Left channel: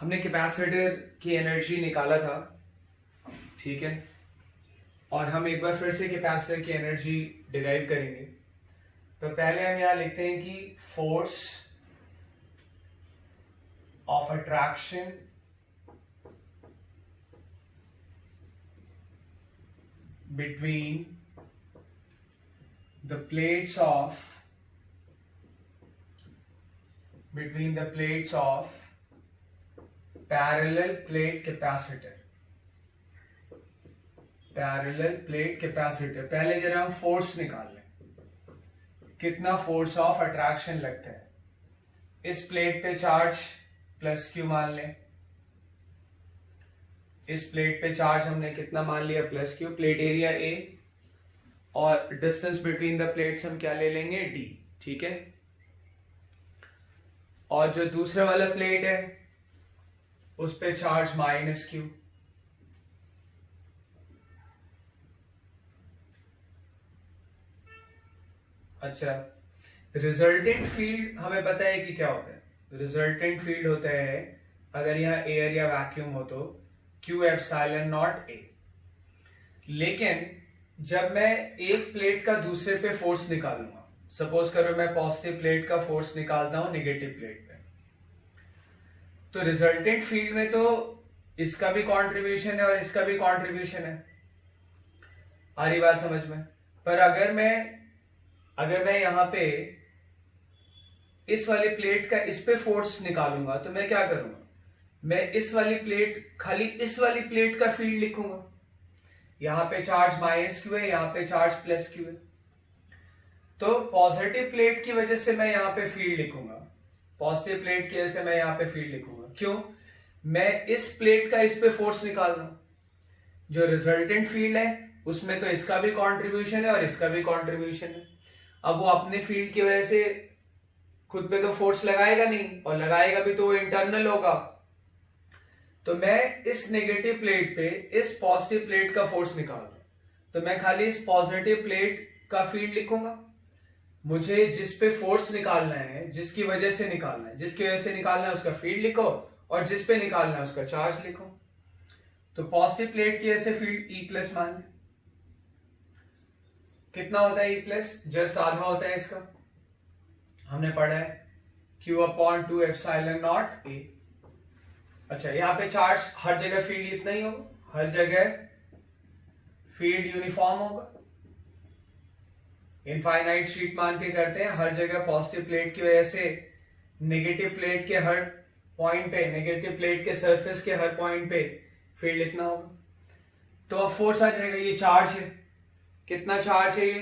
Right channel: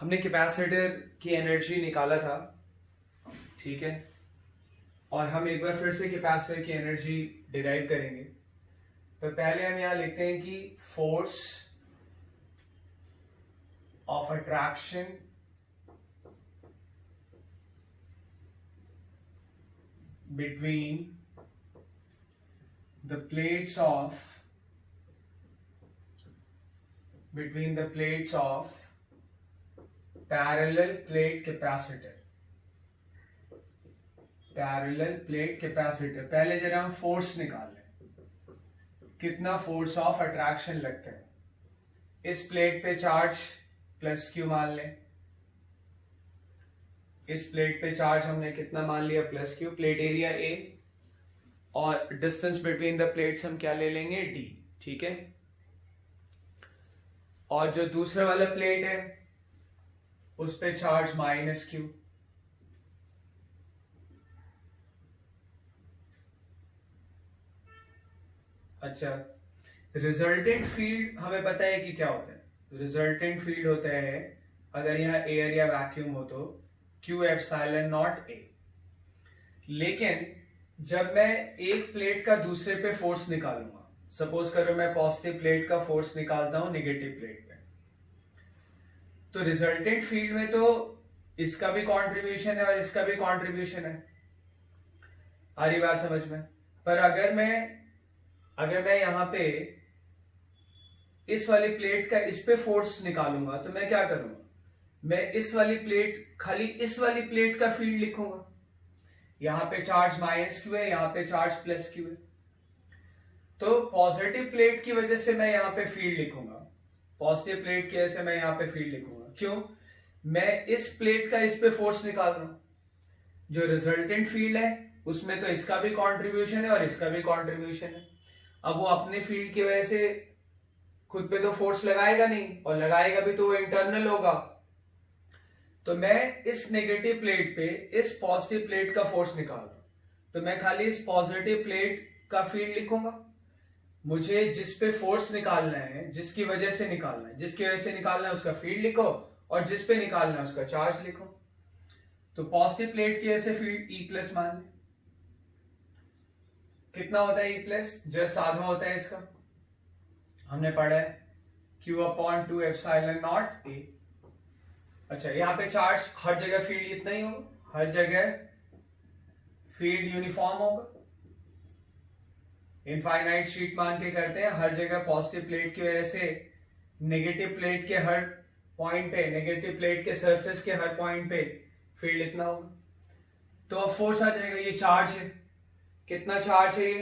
हमने कैपेसिटर की एनर्जी निकाला था, ठीक है, और हम एक बार फिर से कैपेसिटर की एनर्जी डिराइव करेंगे। तो पहले हम यहां लिखते हैं कि force of attraction between the plates of parallel plate capacitor। पहले जरा हम फोर्स निकाल लें, कितना फोर्स ऑफ अट्रैक्शन लगता है। इस प्लेट पे चार्ज प्लस क्यू मान लें, इस प्लेट पे चार्ज हमने कितना मान लिया, plus Q, plate area A, और डिस्टेंस बिटवीन द प्लेट्स हम क्या ले लेंगे, डी, ठीक है। और जो दूसरा वाला प्लेट है उस पे चार्ज माइनस क्यू, अच्छा। रिजल्टेंट फील्ड हमें पता है कि क्या होता है। रिजल्टेंट फील्ड होता है, अगर यहाँ एयर या वैक्यूम हो तो क्यू एप्सिलॉन नॉट ए। लेकिन जब मैं एक प्लेट का दूसरे पे फोर्स निकालूंगा, सपोज करो मैं पॉजिटिव प्लेट का फोर्स निकालता हूं नेगेटिव प्लेट पे, तो रिजल्टेंट फील्ड में तो इसका भी कंट्रीब्यूशन है और इसका भी कंट्रीब्यूशन है। आ रही बात समझ में? पर अगर मैं यहां पे इस वाली प्लेट का इस पे फोर्स निकालूंगा तो मैं क्या करूंगा, मैं इस वाली प्लेट, खाली इस वाली प्लेट का फील्ड लिखूंगा। यहां पे चार्ज माइनस क्यू है, यहां पे चार्ज प्लस क्यू है, तो पॉजिटिव प्लेट की वजह से मैं यहां पे फील्ड लिखूंगा, पॉजिटिव प्लेट की वजह से मैं यहां पे फील्ड लिखूंगा। क्यों? मैं इस प्लेट का इस पे फोर्स निकाल रहा हूं। जो रिजल्टेंट फील्ड है उसमें तो इसका भी कंट्रीब्यूशन है और इसका भी कंट्रीब्यूशन है। अब वो अपने फील्ड की वजह से खुद पे तो फोर्स लगाएगा नहीं, और लगाएगा भी तो वो इंटरनल होगा। तो मैं इस नेगेटिव प्लेट पे इस पॉजिटिव प्लेट का फोर्स निकाल रहा हूं, तो मैं खाली इस पॉजिटिव प्लेट का फील्ड लिखूंगा। मुझे जिस पे फोर्स निकालना है, जिसकी वजह से निकालना है, जिसकी वजह से निकालना है उसका फील्ड लिखो, और जिस पे निकालना है उसका चार्ज लिखो। तो पॉजिटिव प्लेट की वजह से फील्ड ई प्लस मान लें। कितना होता है ई प्लस? जस्ट आधा होता है इसका, हमने पढ़ा है Q अपॉन 2 एप्सिलॉन नॉट ए। अच्छा, यहां पे चार्ज हर जगह फील्ड इतना ही होगा, हर जगह फील्ड यूनिफॉर्म होगा। इनफाइनाइट शीट मान के करते हैं, हर जगह पॉजिटिव प्लेट की वजह से नेगेटिव प्लेट के हर पॉइंट पे, नेगेटिव प्लेट के सरफेस के हर पॉइंट पे फील्ड इतना होगा। तो अब फोर्स आ जाएगा, ये चार्ज है, कितना चार्ज है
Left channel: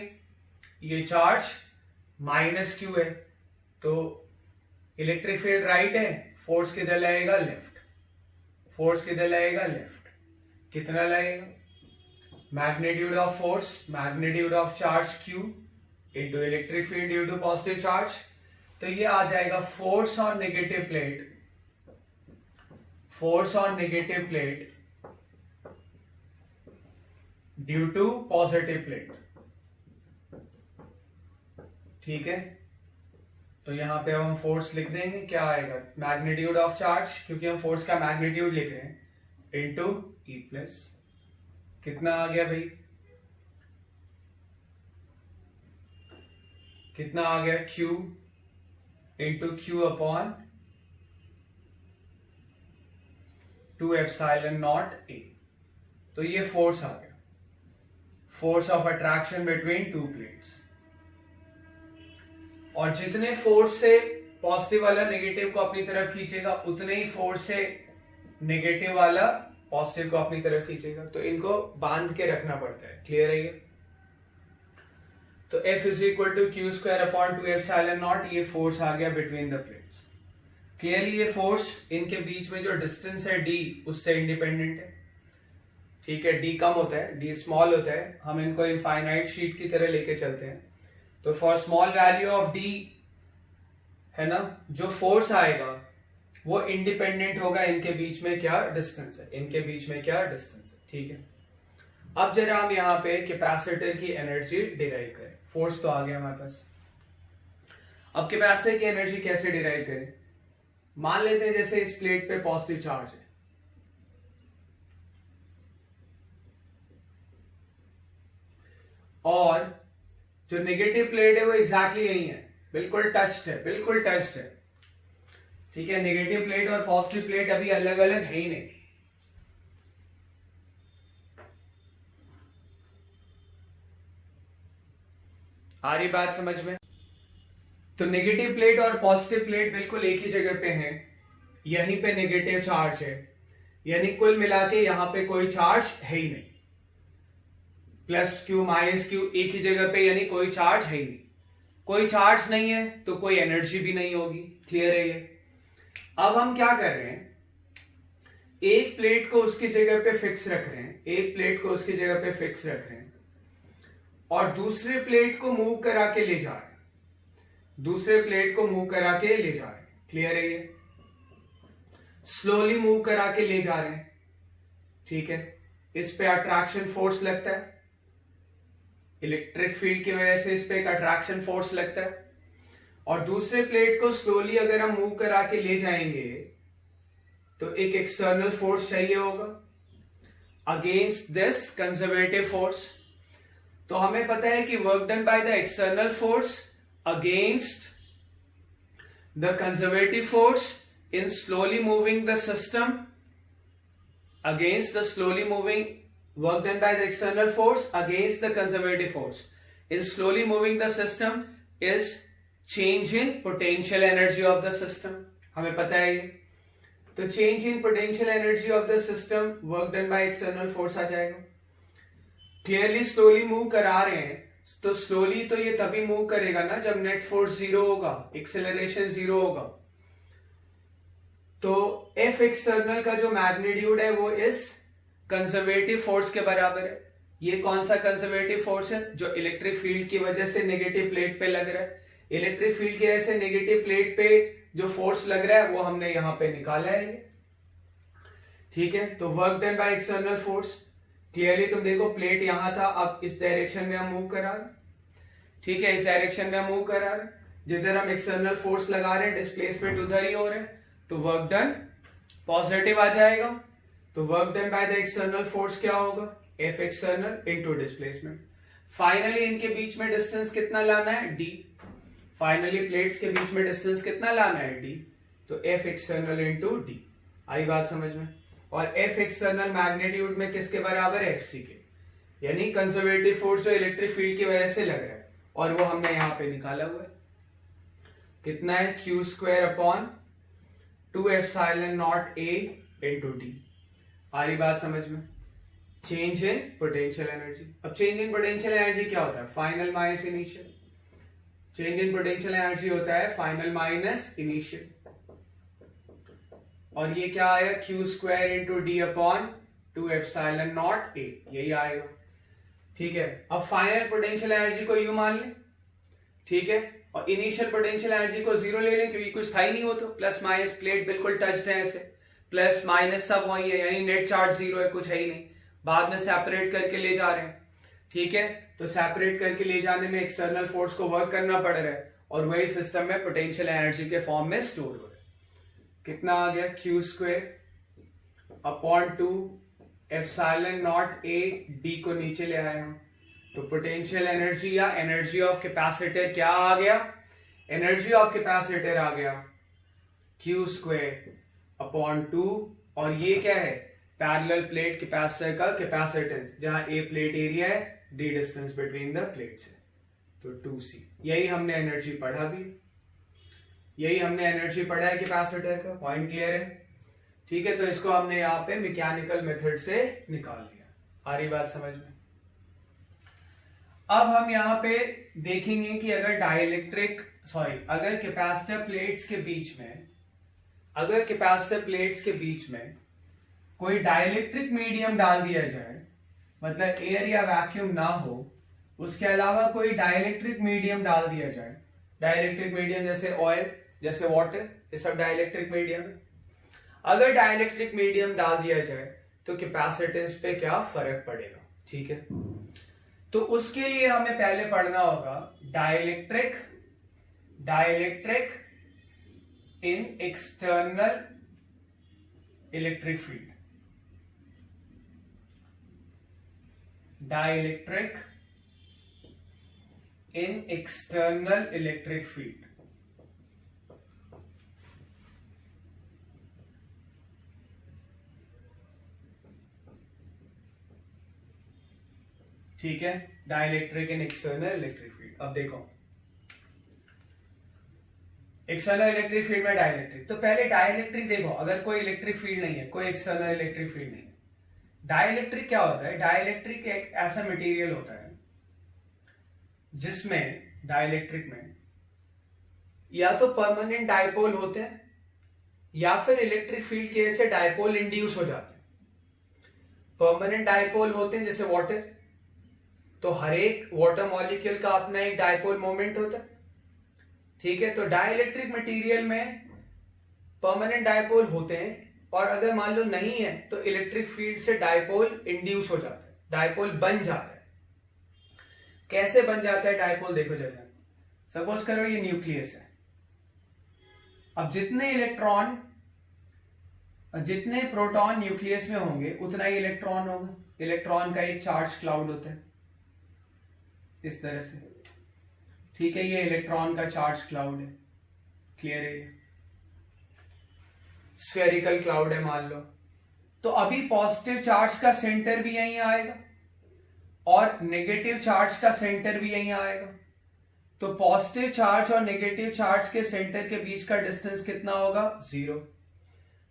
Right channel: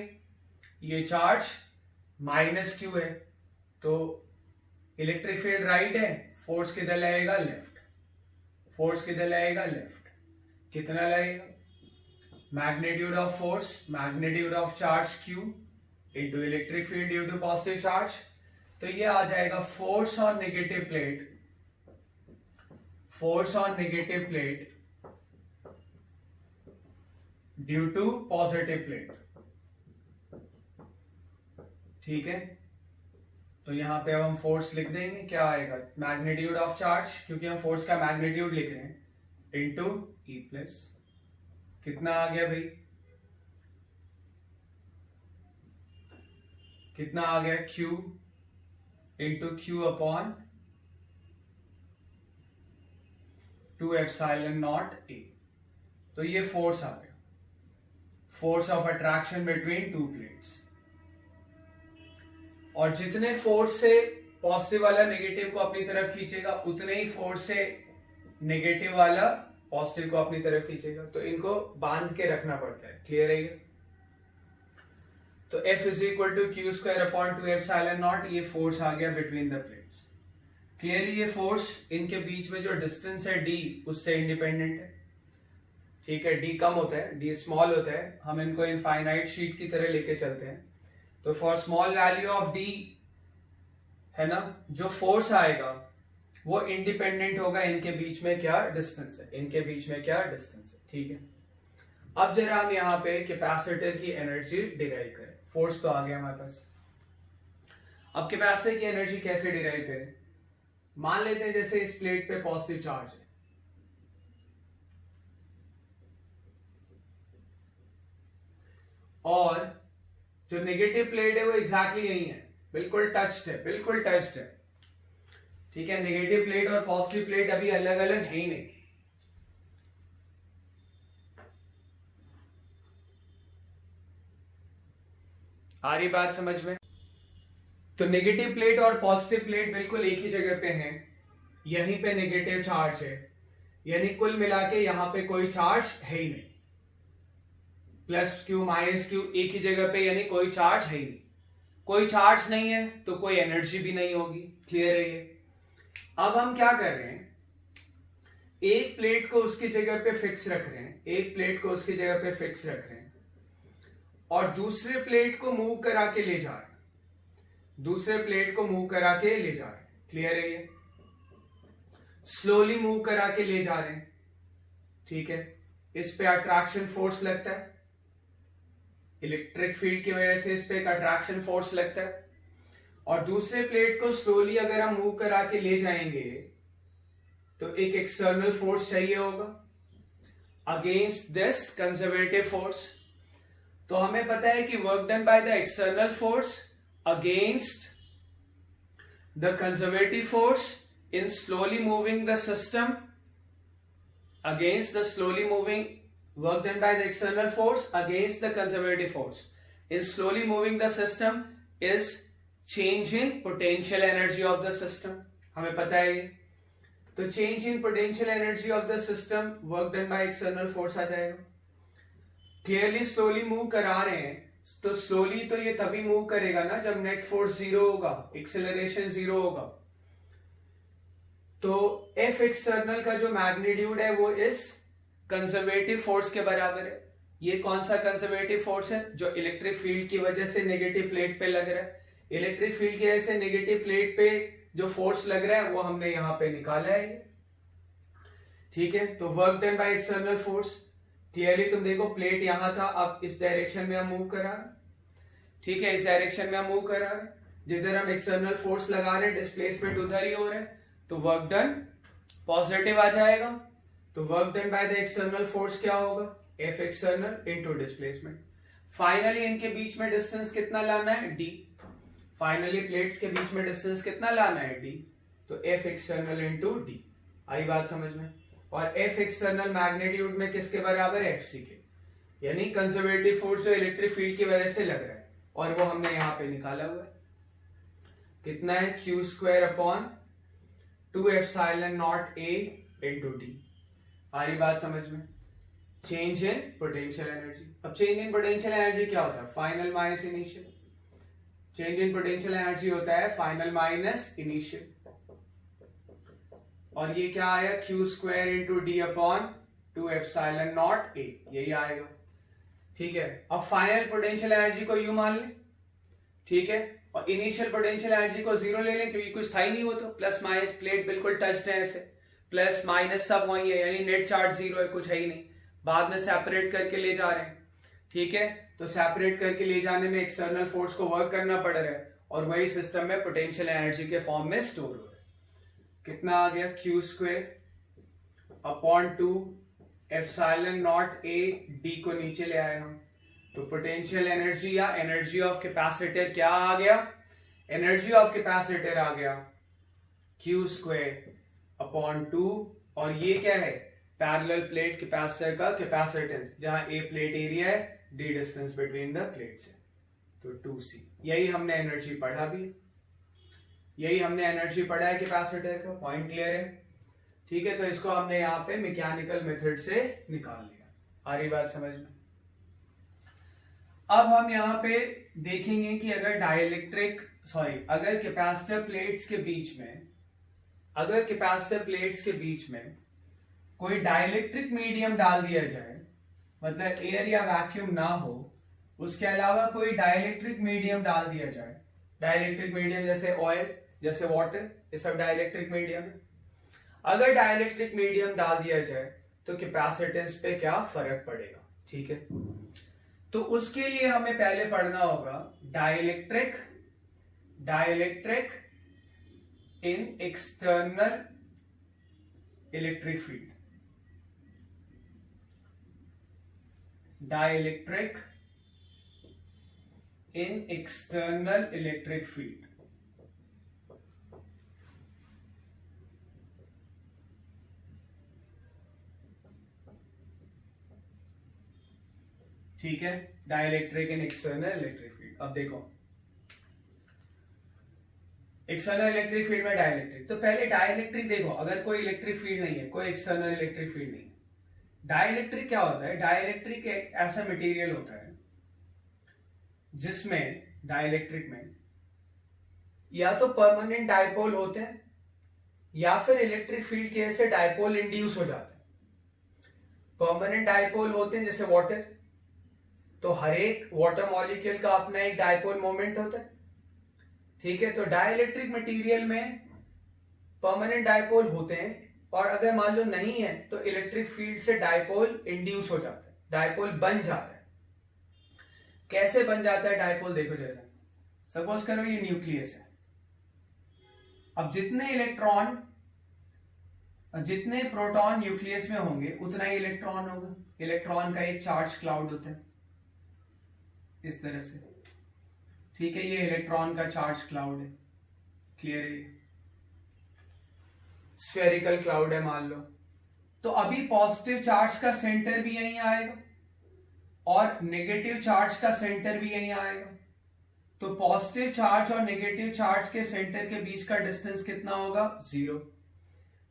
ये चार्ज माइनस क्यू है, तो इलेक्ट्रिक फील्ड राइट है, फोर्स किधर लगेगा, लेफ्ट, फोर्स किधर लगेगा, लेफ्ट। कितना लगेगा? Magnitude of force, magnitude of charge Q into electric field due to positive charge. तो ये आ जाएगा force on negative plate, force on negative plate due to positive plate, ठीक है। तो यहां पे अब हम फोर्स लिख देंगे, क्या आएगा, मैग्नीट्यूड ऑफ चार्ज, क्योंकि हम फोर्स का मैग्नीट्यूड लिख रहे हैं, इंटू ई प्लस, कितना आ गया भाई, कितना आ गया, Q into Q upon 2 epsilon naught ए। तो ये फोर्स आ गया, force of attraction between two plates. और जितने फोर्स से पॉजिटिव वाला नेगेटिव को अपनी तरफ खींचेगा, उतने ही फोर्स से नेगेटिव वाला पॉजिटिव को अपनी तरफ खींचेगा। तो इनको बांध के रखना पड़ता है, क्लियर है ये? तो F is equal to q square upon 2 epsilon naught, ये फोर्स आ गया बिटवीन द प्लेट्स। क्लियरली ये फोर्स इनके बीच में जो डिस्टेंस है d, उससे इंडिपेंडेंट है, ठीक है। d कम होता है, d स्मॉल होता है, हम इनको इनफाइनाइट शीट की तरह लेके चलते हैं। तो for small value of d है ना, जो फोर्स आएगा वो इंडिपेंडेंट होगा इनके बीच में क्या डिस्टेंस है, इनके बीच में क्या डिस्टेंस है, ठीक है। अब जरा हम यहाँ पे कैपेसिटर की एनर्जी डिराइव करें। फोर्स तो आ गया हमारे पास, अब कैपेसिटर की एनर्जी कैसे डिराइव करें? मान लेते हैं जैसे इस प्लेट पे पॉजिटिव चार्ज है, और जो नेगेटिव प्लेट है वो एग्जैक्टली यही है, बिल्कुल टच्ड है, बिल्कुल टच्ड है। ठीक है, नेगेटिव प्लेट और पॉजिटिव प्लेट अभी अलग अलग है ही नहीं। आ रही बात समझ में? तो नेगेटिव प्लेट और पॉजिटिव प्लेट बिल्कुल एक ही जगह पे हैं, यहीं पे नेगेटिव चार्ज है, यानी कुल मिला के यहां पे कोई चार्ज है ही नहीं। प्लस क्यू माइनस क्यू एक ही जगह पे, यानी कोई चार्ज है ही नहीं। कोई चार्ज नहीं है तो कोई एनर्जी भी नहीं होगी। क्लियर है ये? अब हम क्या कर रहे हैं, एक प्लेट को उसकी जगह पे फिक्स रख रहे हैं, एक प्लेट को उसकी जगह पे फिक्स रख रहे हैं, और दूसरे प्लेट को मूव करा के ले जा रहे हैं, दूसरे प्लेट को मूव करा के ले जा रहे हैं। क्लियर है ये? स्लोली मूव करा के ले जा रहे हैं। ठीक है, इस पे अट्रैक्शन फोर्स लगता है, इलेक्ट्रिक फील्ड की वजह से इस पे एक अट्रैक्शन फोर्स लगता है, और दूसरे प्लेट को स्लोली अगर हम मूव करा के ले जाएंगे तो एक एक्सटर्नल फोर्स चाहिए होगा अगेंस्ट दिस कंजर्वेटिव फोर्स। तो हमें पता है कि work done by the external force against the conservative force in slowly moving the system against the slowly moving work done by the external force against the conservative force in slowly moving the system is change in potential energy of the system। हमें पता है ये, तो change in potential energy of the system work done by external force आ जाएगा। Clearly slowly move करा रहे हैं, तो स्लोली तो ये तभी मूव करेगा ना जब नेट फोर्स जीरो होगा, एक्सेलरेशन जीरो होगा। तो F एक्सटर्नल का जो मैग्नीट्यूड है वो इस कंजर्वेटिव फोर्स के बराबर है। ये कौन सा कंजर्वेटिव फोर्स है? जो इलेक्ट्रिक फील्ड की वजह से नेगेटिव प्लेट पे लग रहा है। इलेक्ट्रिक फील्ड की वजह से नेगेटिव प्लेट पे जो फोर्स लग रहा है वो हमने यहां पे निकाला है ये। ठीक है, तो work done by external force, clearly तुम देखो प्लेट यहां था, अब इस डायरेक्शन में हम मूव करा रहे हैं। ठीक है, इस डायरेक्शन में हम मूव करा रहे हैं, जिधर हम एक्सटर्नल फोर्स लगा रहे हैं डिस्प्लेसमेंट उधर ही हो रहा है, तो वर्क डन पॉजिटिव आ जाएगा। तो work done by the external force क्या होगा? F external into displacement. Finally इनके बीच में डिस्टेंस कितना लाना है? D। फाइनली प्लेट्स के बीच में डिस्टेंस कितना लाना है? D। तो F एक्सटर्नल इनटू D। आई बात समझ में? और F एक्सटर्नल मैग्नीट्यूड में किसके बराबर है? FC के, यानी कंजर्वेटिव फोर्स जो इलेक्ट्रिक फील्ड की वजह से लग रहा है, और वो हमने यहां पे निकाला हुआ है। कितना है? Q square upon 2 epsilon not A into D। आ रही बात समझ में? Change in potential energy. अब चेंज इन पोटेंशियल एनर्जी क्या होता है? Final minus initial. Change in potential energy होता है फाइनल माइनस इनिशियल, और ये क्या आएगा? Q square into D upon 2 epsilon not A, यही आएगा। ठीक है, अब फाइनल पोटेंशियल एनर्जी को यू मान ले। ठीक है, और इनिशियल पोटेंशियल एनर्जी को जीरो ले लें, क्योंकि कुछ था ही नहीं, वो तो प्लस माइनस प्लेट बिल्कुल टच्ड है, ऐसे प्लस माइनस सब वही है, यानी नेट चार्ज जीरो है, कुछ है ही नहीं। बाद में सेपरेट करके ले जा रहे हैं। ठीक है, तो सेपरेट करके ले जाने में एक्सटर्नल फोर्स को वर्क करना पड़ रहा है, और वही सिस्टम में पोटेंशियल एनर्जी के फॉर्म में स्टोर हो रहा है। कितना आ गया? Q square upon 2 epsilon not A D को नीचे ले आए हम, तो पोटेंशियल एनर्जी या एनर्जी ऑफ कैपेसिटर क्या आ गया? एनर्जी ऑफ कैपेसिटर आ गया Q स्क्वायर अपॉन 2, और ये क्या है? पैरेलल प्लेट कैपेसिटर का कैपेसिटेंस, जहां A प्लेट एरिया है, D distance between the plates है, तो 2C। यही हमने एनर्जी पढ़ा भी, यही हमने एनर्जी पढ़ा है कैपेसिटर का। पॉइंट क्लियर है? ठीक है, तो इसको हमने यहाँ पे मैकेनिकल मेथड से निकाल लिया। आ रही बात समझ में? अब हम यहाँ पे देखेंगे कि अगर अगर कैपेसिटर प्लेट्स के बीच में, अगर कैपेसिटर प्लेट्स के बीच में कोई डाइलेक्ट्रिक मीडियम डाल दिया जाए, मतलब एयर या वैक्यूम ना हो, उसके अलावा कोई डाइलेक्ट्रिक मीडियम डाल दिया जाए, डाइलेक्ट्रिक मीडियम जैसे ऑयल, जैसे वाटर, ये सब डाइलेक्ट्रिक मीडियम है। अगर डाइलेक्ट्रिक मीडियम डाल दिया जाए तो कैपेसिटेंस पे क्या फर्क पड़ेगा? ठीक है, तो उसके लिए हमें पहले पढ़ना होगा dielectric in external electric field. Dielectric in external electric field. ठीक है, डाइलेक्ट्रिक इन एक्सटर्नल इलेक्ट्रिक फील्ड। अब देखो एक्सटर्नल इलेक्ट्रिक फील्ड में डाइलेक्ट्रिक, तो पहले डाइलेक्ट्रिक देखो, अगर कोई इलेक्ट्रिक फील्ड नहीं है, कोई एक्सटर्नल इलेक्ट्रिक फील्ड नहीं है, डाइलेक्ट्रिक क्या होता है? डाइलेक्ट्रिक एक ऐसा मटेरियल होता है जिसमें डाइलेक्ट्रिक में या तो परमानेंट डाइपोल होते हैं या फिर इलेक्ट्रिक फील्ड के से डाइपोल इंड्यूस हो जाते हैं। परमानेंट डाइपोल होते हैं जैसे वाटर, तो हर एक वाटर मॉलिक्यूल का अपना एक डाइपोल मोमेंट होता है, ठीक है। तो डाइलेक्ट्रिक मटेरियल में परमानेंट डाइपोल होते हैं, और अगर मान लो नहीं है तो इलेक्ट्रिक फील्ड से डाइपोल इंड्यूस हो जाता है, डाइपोल बन जाता है। कैसे बन जाता है डाइपोल? देखो, जैसे सपोज करो ये न्यूक्लियस है, अब जितने प्रोटॉन न्यूक्लियस में होंगे उतना ही इलेक्ट्रॉन होगा। इलेक्ट्रॉन का एक चार्ज क्लाउड होता है इस तरह से, ठीक है। ये इलेक्ट्रॉन का चार्ज क्लाउड है, क्लियर है? ये स्फेरिकल क्लाउड है मान लो। तो अभी पॉजिटिव चार्ज का सेंटर भी यहीं आएगा और नेगेटिव चार्ज का सेंटर भी यहीं आएगा। तो पॉजिटिव चार्ज और नेगेटिव चार्ज के सेंटर के बीच का डिस्टेंस कितना होगा? 0।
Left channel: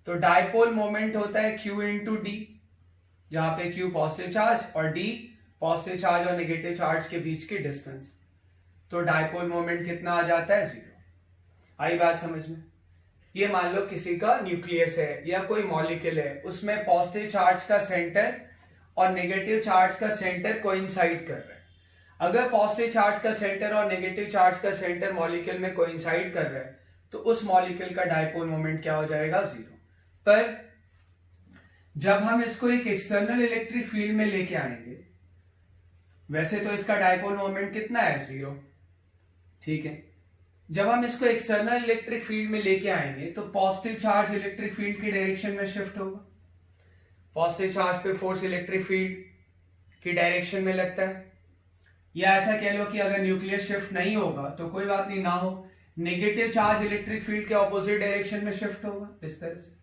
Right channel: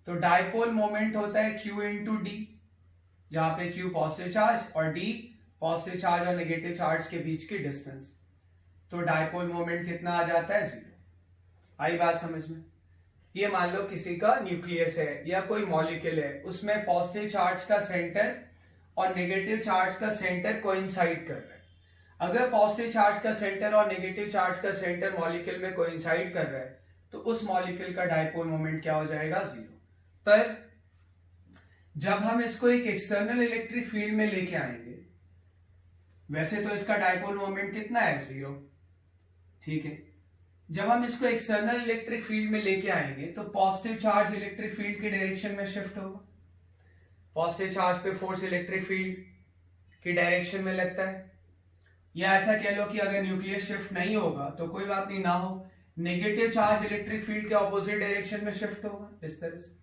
तो डाइपोल मोमेंट होता है Q इंटू डी, जहां पे Q पॉजिटिव चार्ज और D पॉजिटिव चार्ज और नेगेटिव चार्ज के बीच की डिस्टेंस। तो डाइपोल मोमेंट कितना आ जाता है? 0। आई बात समझ में? ये मान लो किसी का न्यूक्लियस है या कोई मॉलिक्यूल है, उसमें पॉजिटिव चार्ज का सेंटर और नेगेटिव चार्ज का सेंटर कोइंसाइड कर रहा है। अगर पॉजिटिव चार्ज का सेंटर और नेगेटिव चार्ज का सेंटर मॉलिक्यूल में कोइंसाइड कर रहा है तो उस मॉलिक्यूल का डाइपोल मोमेंट क्या हो जाएगा? 0। पर जब हम इसको एक एक्सटर्नल इलेक्ट्रिक फील्ड में लेके आएंगे, वैसे तो इसका डाइपोल मोमेंट कितना है? 0, ठीक है। जब हम इसको एक्सटर्नल इलेक्ट्रिक फील्ड में लेके आएंगे तो पॉजिटिव चार्ज इलेक्ट्रिक फील्ड की डायरेक्शन में शिफ्ट होगा। पॉजिटिव चार्ज पे फोर्स इलेक्ट्रिक फील्ड की डायरेक्शन में लगता है, या ऐसा कह लो कि अगर न्यूक्लियस शिफ्ट नहीं होगा तो कोई बात नहीं, ना हो, नेगेटिव चार्ज इलेक्ट्रिक फील्ड के ऑपोजिट डायरेक्शन में शिफ्ट होगा। इस तरह से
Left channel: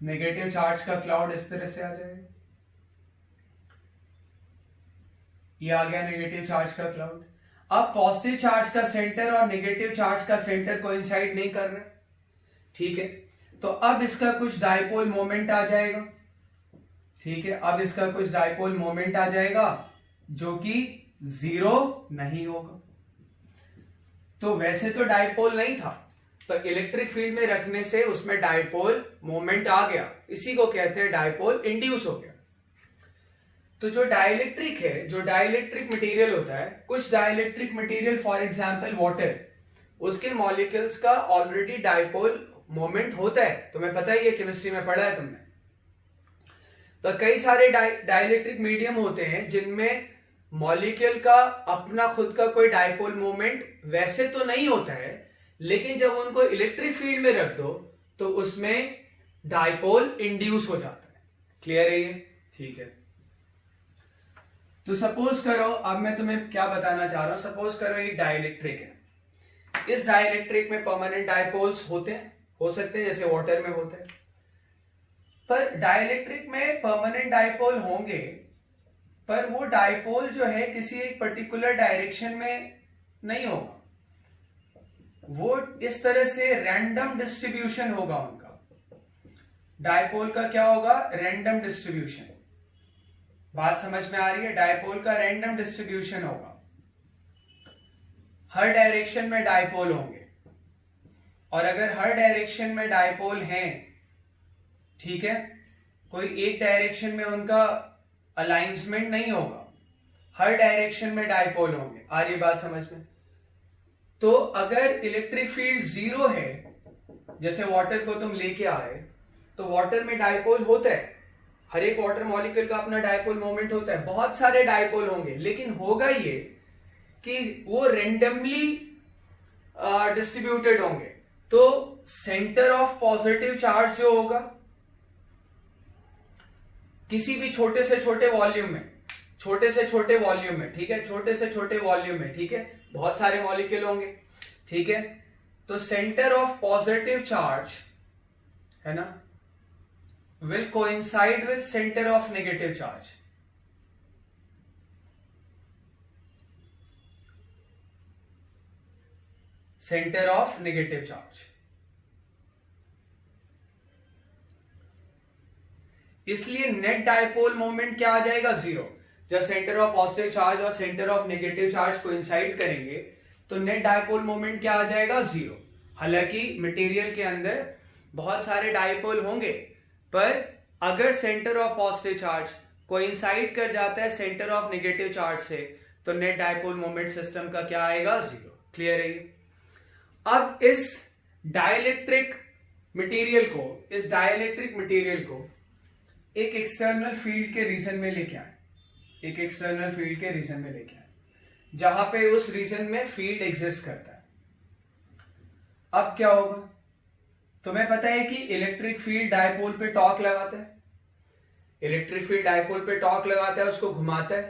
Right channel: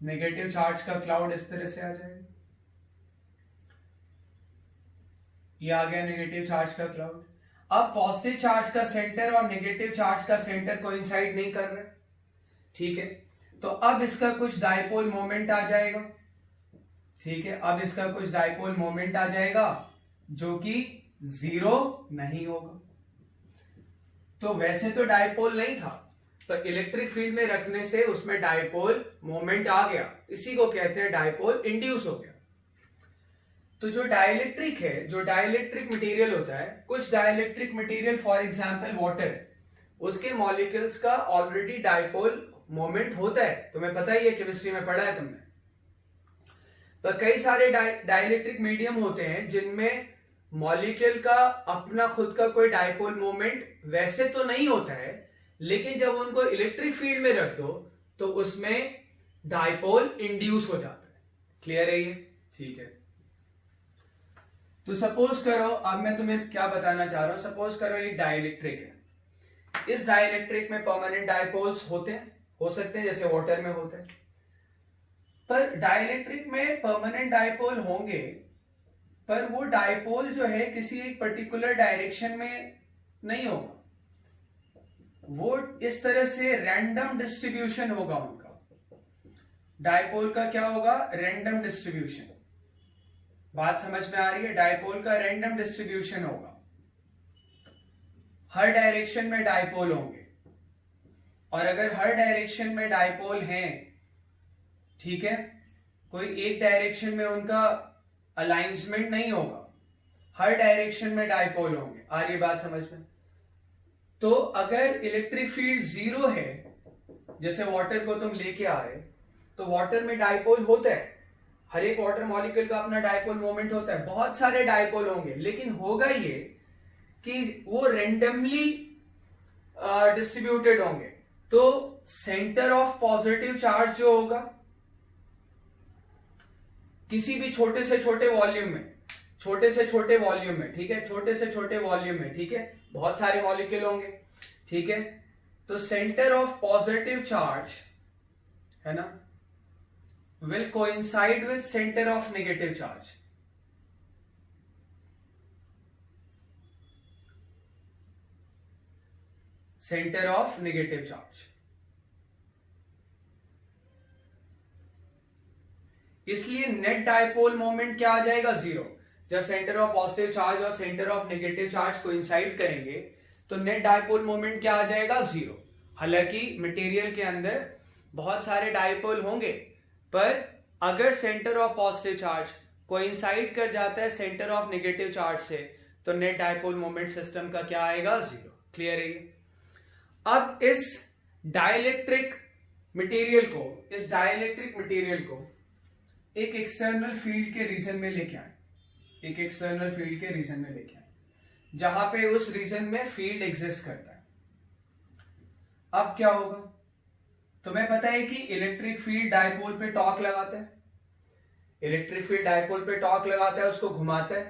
नेगेटिव चार्ज का क्लाउड इस तरह से आ जाएगा, ये आ गया नेगेटिव चार्ज का क्लाउड। अब पॉजिटिव चार्ज का सेंटर और नेगेटिव चार्ज का सेंटर कोइंसाइड नहीं कर रहे, ठीक है। तो अब इसका कुछ डाइपोल मोमेंट आ जाएगा, ठीक है। अब इसका कुछ डाइपोल मोमेंट आ जाएगा जो कि 0 नहीं होगा। तो वैसे तो डाइपोल नहीं था, पर इलेक्ट्रिक फील्ड में रखने से उसमें डाइपोल मोमेंट आ गया, इसी को कहते हैं डाइपोल इंड्यूस हो गया। तो जो डाइलेक्ट्रिक है, जो डाइलेक्ट्रिक मटेरियल होता है, कुछ dielectric material for example water, उसके मॉलिक्यूल्स का ऑलरेडी डाइपोल मोमेंट होता है, तुम्हें पता ही है, केमिस्ट्री में पढ़ा है तुमने। तो कई सारे डाइलेक्ट्रिक मीडियम होते हैं जिनमें मॉलिक्यूल का अपना खुद का कोई डाइपोल मोमेंट वैसे तो नहीं होता है, लेकिन जब उनको इलेक्ट्रिक फील्ड में रख दो तो उसमें डाइपोल इंड्यूस हो जाता है। क्लियर है ये? ठीक है। तो सपोज करो, अब मैं तुम्हें क्या बताना चाह रहा हूं, सपोज करो ये डाइलेक्ट्रिक है, इस डाइलेक्ट्रिक में परमानेंट डाइपोल्स होते हैं, हो सकते हैं जैसे वाटर में होते हैं। पर डाइलेक्ट्रिक में परमानेंट डाइपोल होंगे, पर वो डाइपोल जो है किसी एक पर्टिकुलर डायरेक्शन में नहीं होगा, वो इस तरह से रैंडम डिस्ट्रीब्यूशन होगा उनका। डाइपोल का क्या होगा? Random distribution. बात समझ में आ रही है? डाइपोल का रैंडम डिस्ट्रीब्यूशन होगा, हर डायरेक्शन में डाइपोल होंगे, और अगर हर डायरेक्शन में डाइपोल हैं, ठीक है, कोई एक डायरेक्शन में उनका अलाइंसमेंट नहीं होगा, हर डायरेक्शन में डाइपोल होंगे। आ रही बात समझ में? तो अगर इलेक्ट्रिक फील्ड 0 है, जैसे वाटर को तुम लेके आ रहे, तो वाटर में डाइपोल होता है, हर एक वाटर मॉलिक्यूल का अपना डाइपोल मोमेंट होता है, बहुत सारे डाइपोल होंगे, लेकिन होगा ये कि वो रेंडमली डिस्ट्रीब्यूटेड होंगे। तो सेंटर ऑफ पॉजिटिव चार्ज जो होगा किसी भी छोटे से छोटे वॉल्यूम में, छोटे से छोटे वॉल्यूम में, ठीक है, छोटे से छोटे वॉल्यूम में, ठीक है, बहुत सारे मॉलिक्यूल होंगे, ठीक है, तो सेंटर ऑफ पॉजिटिव चार्ज है ना will coincide with centre of negative charge. Centre of negative charge, इसलिए नेट डायपोल मोमेंट क्या आ जाएगा, जीरो। जब सेंटर ऑफ पॉजिटिव चार्ज और centre of negative charge coincide करेंगे तो नेट डायपोल मोमेंट क्या आ जाएगा, जीरो। हालांकि मटेरियल के अंदर बहुत सारे डायपोल होंगे, पर अगर centre of positive charge coincide कर जाता है सेंटर ऑफ नेगेटिव चार्ज से तो नेट डायपोल मोमेंट सिस्टम का क्या आएगा, जीरो। क्लियर है ये? अब इस डाइलेक्ट्रिक मटेरियल को एक एक्सटर्नल फील्ड के रीजन में लेके आए, एक एक्सटर्नल फील्ड के रीजन में लेके आए जहां पे उस रीजन में फील्ड एग्जिस्ट करता है। अब क्या होगा, तुम्हें पता है कि इलेक्ट्रिक फील्ड डायपोल पे टॉर्क लगाता है, इलेक्ट्रिक फील्ड डायपोल पे टॉर्क लगाता है, उसको घुमाता है।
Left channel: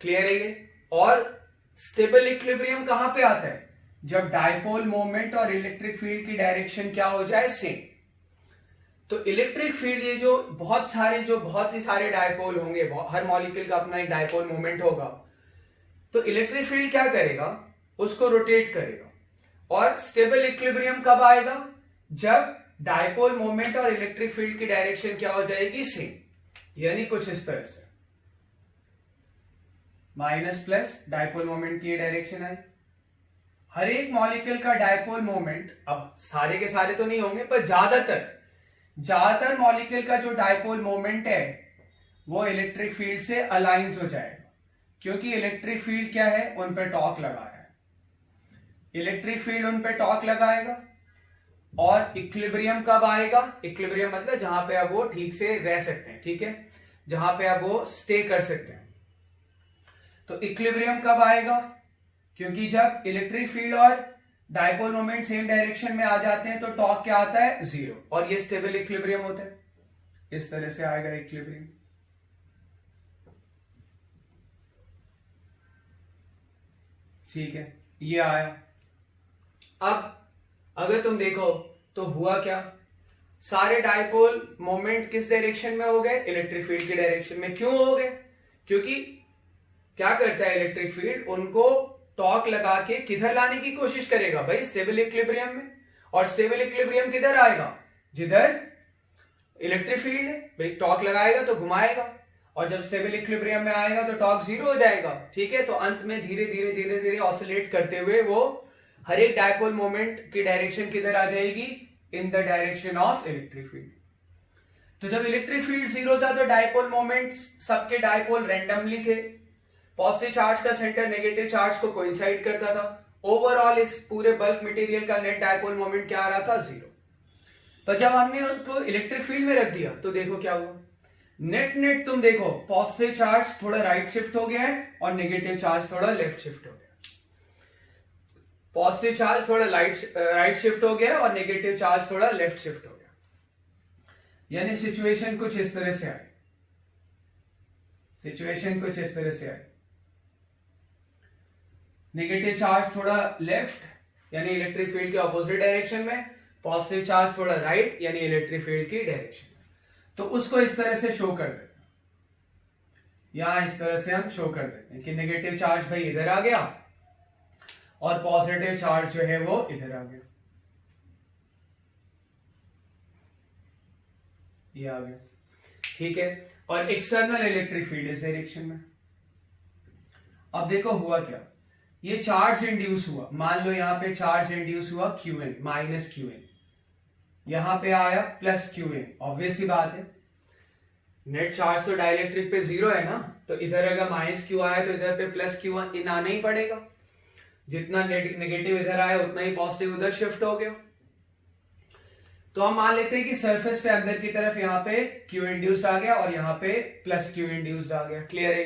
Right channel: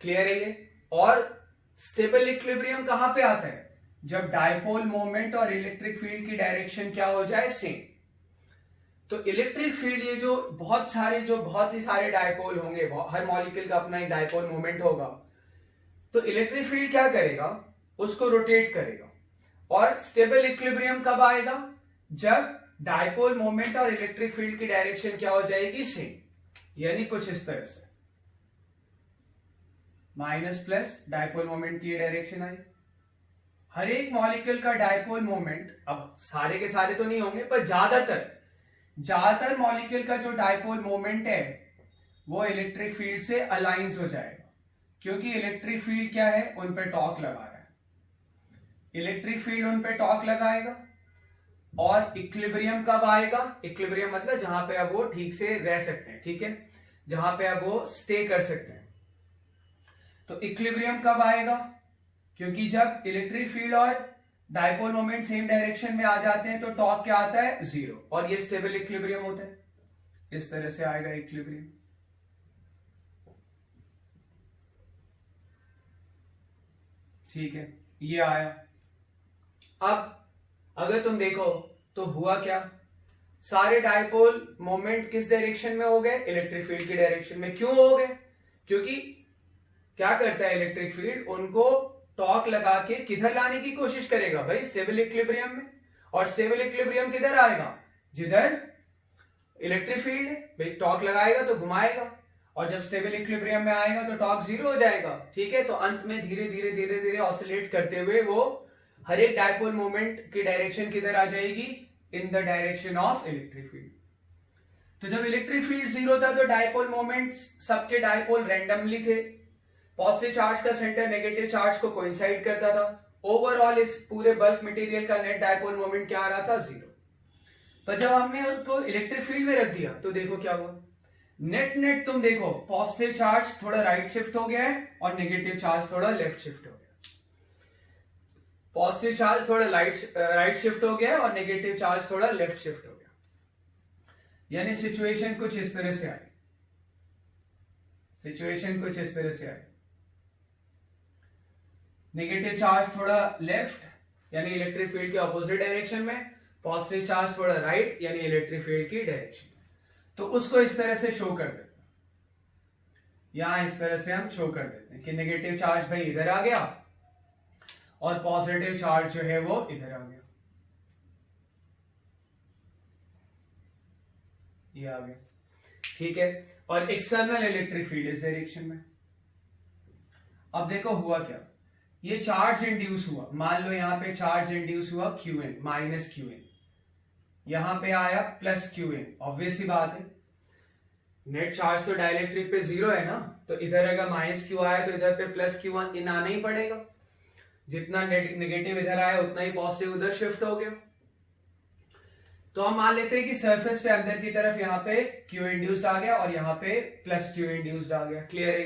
क्लियर है ये? और स्टेबल इक्विलिब्रियम कहां पे आता है, जब डायपोल मोमेंट और इलेक्ट्रिक फील्ड की डायरेक्शन क्या हो जाए, सेम। तो इलेक्ट्रिक फील्ड, ये जो बहुत ही सारे डायपोल होंगे, हर मॉलिक्यूल का अपना एक डायपोल मोमेंट होगा, तो इलेक्ट्रिक फील्ड क्या करेगा, उसको रोटेट करेगा। और स्टेबल इक्विलिब्रियम कब आएगा, जब डायपोल मोमेंट और इलेक्ट्रिक फील्ड की डायरेक्शन क्या हो जाएगी, सेम। यानी कुछ इस तरह से माइनस प्लस डायपोल मोमेंट की डायरेक्शन आई। हर एक मॉलिक्यूल का डायपोल मोमेंट, अब सारे के सारे तो नहीं होंगे, पर ज्यादातर मॉलिक्यूल का जो डायपोल मोमेंट है वो इलेक्ट्रिक फील्ड से अलाइंस हो जाएगा, क्योंकि इलेक्ट्रिक फील्ड क्या है, उन पे टॉर्क लगा रहा है। इलेक्ट्रिक फील्ड उन पे टॉर्क लगाएगा और इक्विलिब्रियम कब आएगा, इक्विलिब्रियम मतलब जहां पे अब वो ठीक से रह सकते हैं, ठीक है, जहां पे अब वो स्टे कर सकते हैं। तो इक्विलिब्रियम कब आएगा, क्योंकि जब इलेक्ट्रिक फील्ड और डायपोल मोमेंट सेम डायरेक्शन में आ जाते हैं तो टॉर्क क्या आता है, जीरो, और ये स्टेबल इक्विलिब्रियम होता है। इस तरह से आएगा इक्विलिब्रियम। ठीक है, ये आया। अब अगर तुम देखो तो हुआ क्या, सारे डायपोल मोमेंट किस डायरेक्शन में हो गए, इलेक्ट्रिक फील्ड की डायरेक्शन में। क्यों हो गए, क्योंकि क्या करता है इलेक्ट्रिक फील्ड, उनको टॉर्क लगा के किधर लाने की कोशिश करेगा, भाई स्टेबल इक्विलिब्रियम में। और स्टेबल इक्विलिब्रियम किधर आएगा, जिधर इलेक्ट्रिक फील्ड है, भाई टॉर्क लगाएगा तो घुमाएगा, और जब स्टेबल इक्विलिब्रियम में आएगा तो टॉर्क जीरो हो जाएगा। ठीक है, तो अंत में धीरे धीरे ऑसिलेट करते हुए वो हर एक डायपोल मोमेंट की डायरेक्शन किधर आ जाएगी, in the direction of electric field. तो जब इलेक्ट्रिक फील्ड जीरो था तो डायपोल मोमेंट, सबके डायपोल रैंडमली थे। पॉजिटिव चार्ज का सेंटर नेगेटिव चार्ज को कोइंसाइड करता था। ओवरऑल इस पूरे बल्क मटेरियल का नेट डायपोल मोमेंट क्या आ रहा था, जीरो। पर जब हमने उसको इलेक्ट्रिक फील्ड में रख दिया तो देखो क्या हुआ, नेट तुम देखो, पॉजिटिव चार्ज थोड़ा राइट शिफ्ट हो गया है और नेगेटिव चार्ज थोड़ा लेफ्ट शिफ्ट हो गया। पॉजिटिव चार्ज थोड़ा राइट शिफ्ट हो गया और नेगेटिव चार्ज थोड़ा लेफ्ट शिफ्ट हो गया। यानी सिचुएशन कुछ इस तरह से आई, सिचुएशन कुछ इस तरह से आई। नेगेटिव चार्ज थोड़ा लेफ्ट यानी इलेक्ट्रिक फील्ड के ऑपोजिट डायरेक्शन में, पॉजिटिव चार्ज थोड़ा राइट यानी इलेक्ट्रिक फील्ड की डायरेक्शन में। तो उसको इस तरह से शो कर देते हैं, यहां इस तरह से हम शो कर देते हैं कि नेगेटिव चार्ज भाई इधर आ गया और पॉजिटिव चार्ज जो है वो इधर आ गया, ये आ गया। ठीक है, और एक्सटर्नल इलेक्ट्रिक फील्ड इस डायरेक्शन में। अब देखो हुआ क्या, ये चार्ज इंड्यूस हुआ, मान लो यहां पे चार्ज इंड्यूस हुआ क्यूएन, माइनस क्यूएन, यहां पे आया प्लस क्यूएन। ऑब्वियस सी बात है, नेट चार्ज तो डाइलेक्ट्रिक पे जीरो है ना, तो इधर अगर माइनस क्यू आया तो इधर पे प्लस क्यू इन आना ही पड़ेगा। जितना नेगेटिव इधर आया उतना ही पॉजिटिव उधर शिफ्ट हो गया। तो हम मान लेते हैं कि सरफेस पे अंदर की तरफ यहाँ पे क्यू इंड्यूस्ड आ गया और यहाँ पे प्लस क्यू इंड्यूस्ड आ गया। क्लियर है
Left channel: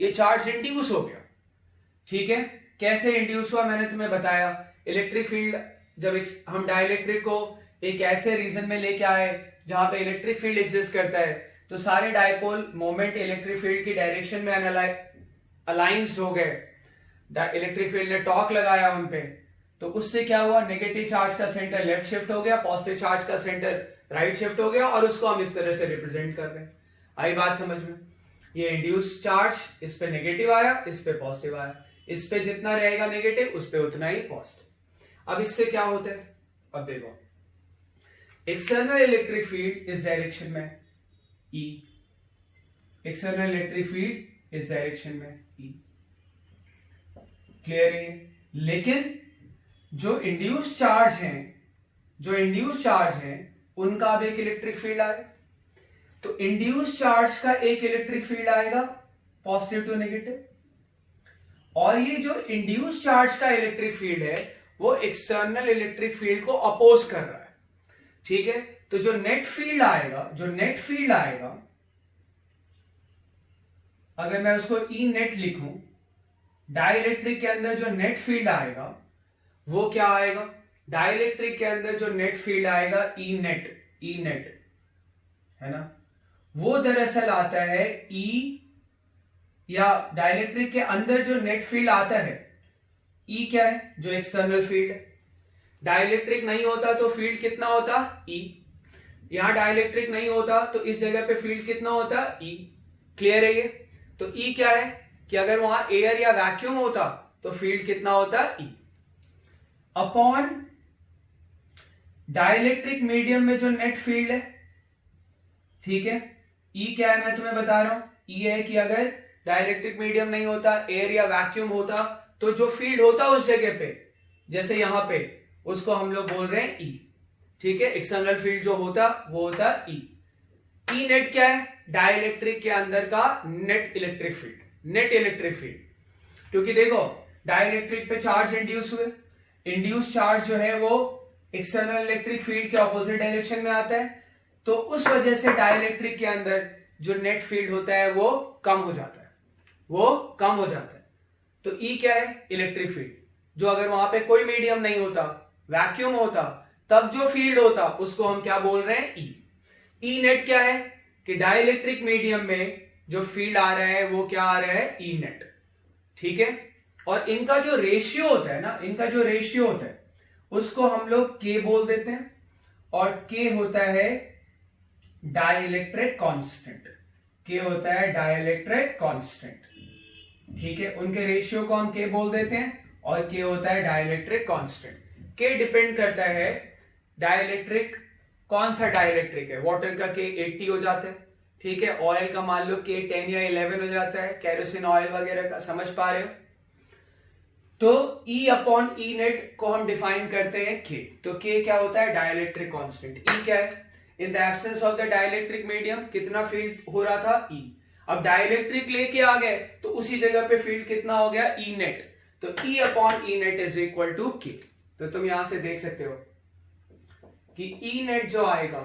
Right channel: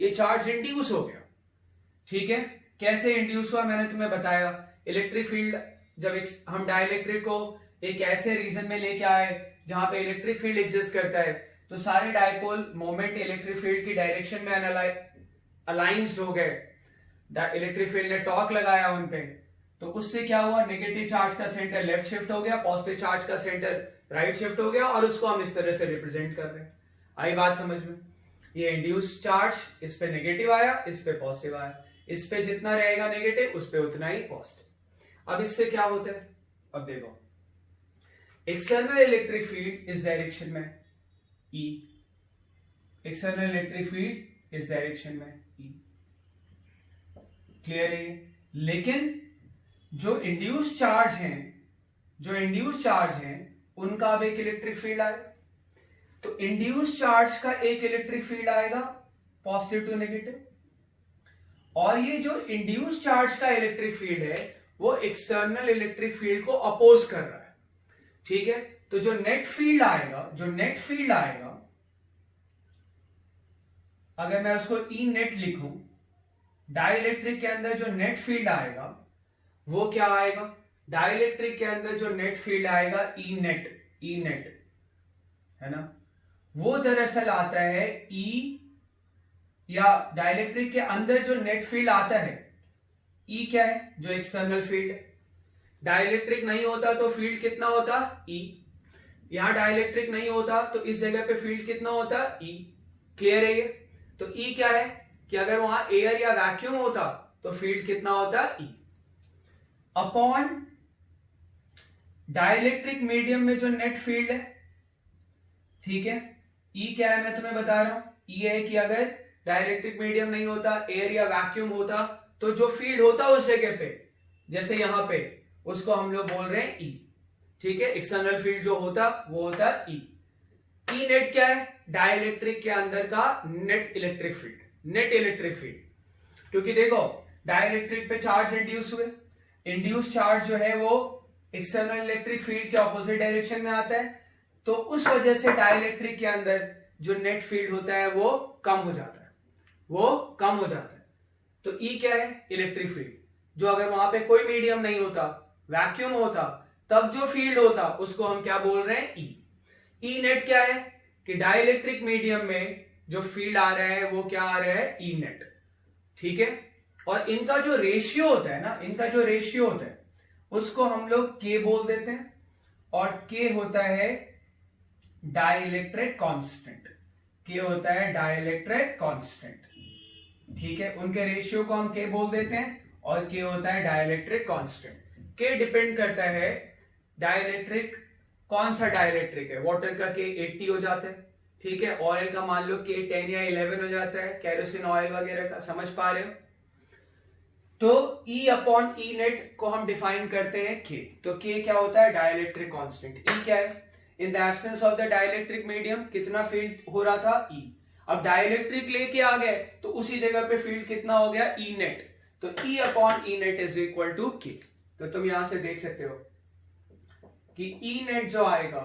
ये चार्ज इंड्यूस हो गया। ठीक है, कैसे इंड्यूस हुआ मैंने तुम्हें बताया, इलेक्ट्रिक फील्ड जब हम डाइलेक्ट्रिक को एक ऐसे रीजन में लेके आए जहां पे इलेक्ट्रिक फील्ड एग्जिस्ट करता है, तो सारे डायपोल मोमेंट इलेक्ट्रिक फील्ड की डायरेक्शन में अलाइंस्ड हो गए, इलेक्ट्रिक फील्ड ने टॉर्क लगाया उन पे, तो उससे क्या हुआ, नेगेटिव चार्ज का सेंटर लेफ्ट शिफ्ट हो गया, पॉजिटिव चार्ज का सेंटर राइट शिफ्ट हो गया, और उसको हम इस तरह से रिप्रेजेंट कर रहे हैं। आई बात समझ में? ये इंड्यूस चार्ज इस पे नेगेटिव आया, इस पे पॉजिटिव आया, इस पे जितना रहेगा नेगेटिव उस पे उतना ही पॉजिटिव। अब इससे क्या होता है, अब देखो, एक्सटर्नल इलेक्ट्रिक फील्ड इस डायरेक्शन में E, एक्सटर्नल इलेक्ट्रिक फील्ड इस डायरेक्शन में E, क्लियर है? लेकिन जो इंड्यूस चार्ज हैं उनका अब एक इलेक्ट्रिक फील्ड आएगा, तो इंड्यूस चार्ज का एक इलेक्ट्रिक फील्ड आएगा पॉजिटिव टू नेगेटिव, और ये जो इंड्यूस चार्ज का इलेक्ट्रिक फील्ड है वो एक्सटर्नल इलेक्ट्रिक फील्ड को अपोज कर रहा है, ठीक है? तो जो नेट फील्ड आएगा, अगर मैं उसको ई नेट लिखूं, डाइलेक्ट्रिक के अंदर जो नेट फील्ड आएगा वो क्या आएगा, डाइलेक्ट्रिक के अंदर जो नेट फील्ड आएगा ई नेट है ना, वो दरअसल आता है ई, या डाइलेक्ट्रिक के अंदर जो नेट फील्ड आता है ई क्या है, जो एक्सटर्नल फील्ड है। डाइलेक्ट्रिक नहीं होता तो फील्ड कितना होता, ई। यहां डाइलेक्ट्रिक नहीं होता तो इस जगह पे फील्ड कितना होता, ई। क्लियर है ये? तो ई क्या है कि अगर वहां एयर या वैक्यूम होता तो फील्ड कितना होता, ई। अपॉन डाइलेक्ट्रिक मीडियम में जो नेट फील्ड है, ठीक है, ई क्या है मैं तुम्हें बता रहा हूं, ई है कि अगर डाइलेक्ट्रिक मीडियम नहीं होता, एयर या वैक्यूम होता, तो जो फील्ड होता उस जगह पे, जैसे यहां पे, उसको हम लोग बोल रहे हैं ई, ठीक है? एक्सटर्नल फील्ड जो होता वो होता ई। ई नेट क्या है, डाइलेक्ट्रिक के अंदर का नेट इलेक्ट्रिक फील्ड, क्योंकि देखो डाइलेक्ट्रिक पे चार्ज इंड्यूस हुए, इंड्यूस चार्ज जो है वो एक्सटर्नल इलेक्ट्रिक फील्ड के ऑपोजिट डायरेक्शन में आता है, तो उस वजह से डाइलेक्ट्रिक के अंदर जो नेट फील्ड होता है वो कम हो जाता है, तो ई क्या है, इलेक्ट्रिक फील्ड, जो अगर वहां पे कोई मीडियम नहीं होता, वैक्यूम होता, तब जो फील्ड होता उसको हम क्या बोल रहे हैं, ई। ई नेट क्या है कि डाइलेक्ट्रिक मीडियम में जो फील्ड आ रहा है वो क्या आ रहा है, ई नेट, ठीक है? और इनका जो रेशियो होता है उसको हम लोग के बोल देते हैं, और के होता है डाइलेक्ट्रिक कांस्टेंट, ठीक है? उनके रेशियो को हम के बोल देते हैं, और के होता है डाइलेक्ट्रिक कांस्टेंट। के डिपेंड करता है डाइलेक्ट्रिक, कौन सा डाइलेक्ट्रिक है, वाटर का के 80 हो जाता है, ठीक है? ऑयल का मान लो के 10 या 11 हो जाता है, केरोसिन ऑयल वगैरह का, समझ पा रहे हो? तो E अपॉन ई नेट को हम डिफाइन करते हैं K, तो K क्या होता है, डाइलेक्ट्रिक कांस्टेंट। E क्या है, in the absence of the dielectric medium कितना फील्ड हो रहा था, E। अब डाइलेक्ट्रिक लेके आ गए तो उसी जगह पे फील्ड कितना हो गया, E नेट, तो E upon e net is equal to K। तो तुम यहां से देख सकते हो कि E नेट जो आएगा,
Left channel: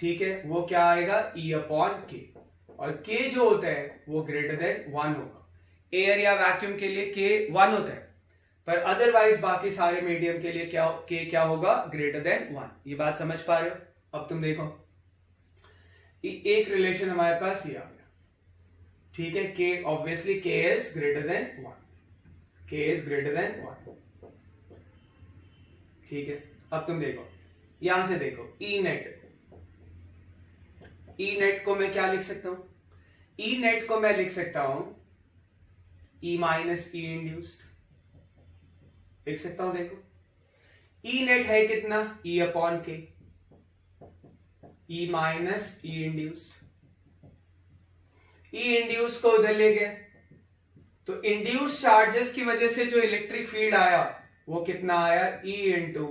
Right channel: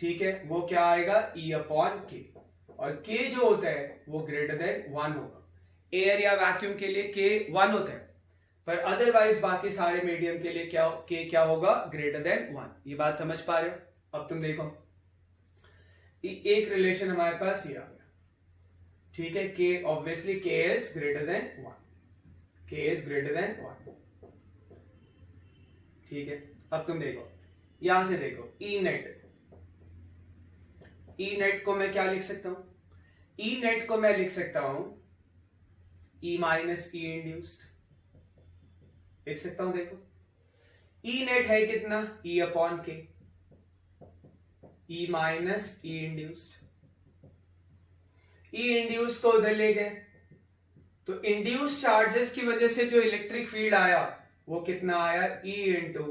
ठीक है, वो क्या आएगा, E अपॉन K, और K जो होता है वो ग्रेटर देन 1 होगा। एयर या वैक्यूम के लिए K 1 होता है, पर अदरवाइज बाकी सारे मीडियम के लिए K क्या होगा, ग्रेटर देन 1। ये बात समझ पा रहे हो? अब तुम देखो, एक रिलेशन हमारे पास ये आ गया, ठीक है? K obviously K is greater than 1, ठीक है? अब तुम देखो, यहां से देखो, E नेट को मैं क्या लिख सकता हूं, E नेट को मैं लिख सकता हूं E माइनस E इंड्यूस्ड, लिख सकता हूं। देखो E नेट है कितना, E upon K, E minus E induced. E induce को उधर ले गए तो इंड्यूस चार्जेस की वजह से जो इलेक्ट्रिक फील्ड आया वो कितना आया, E इंटू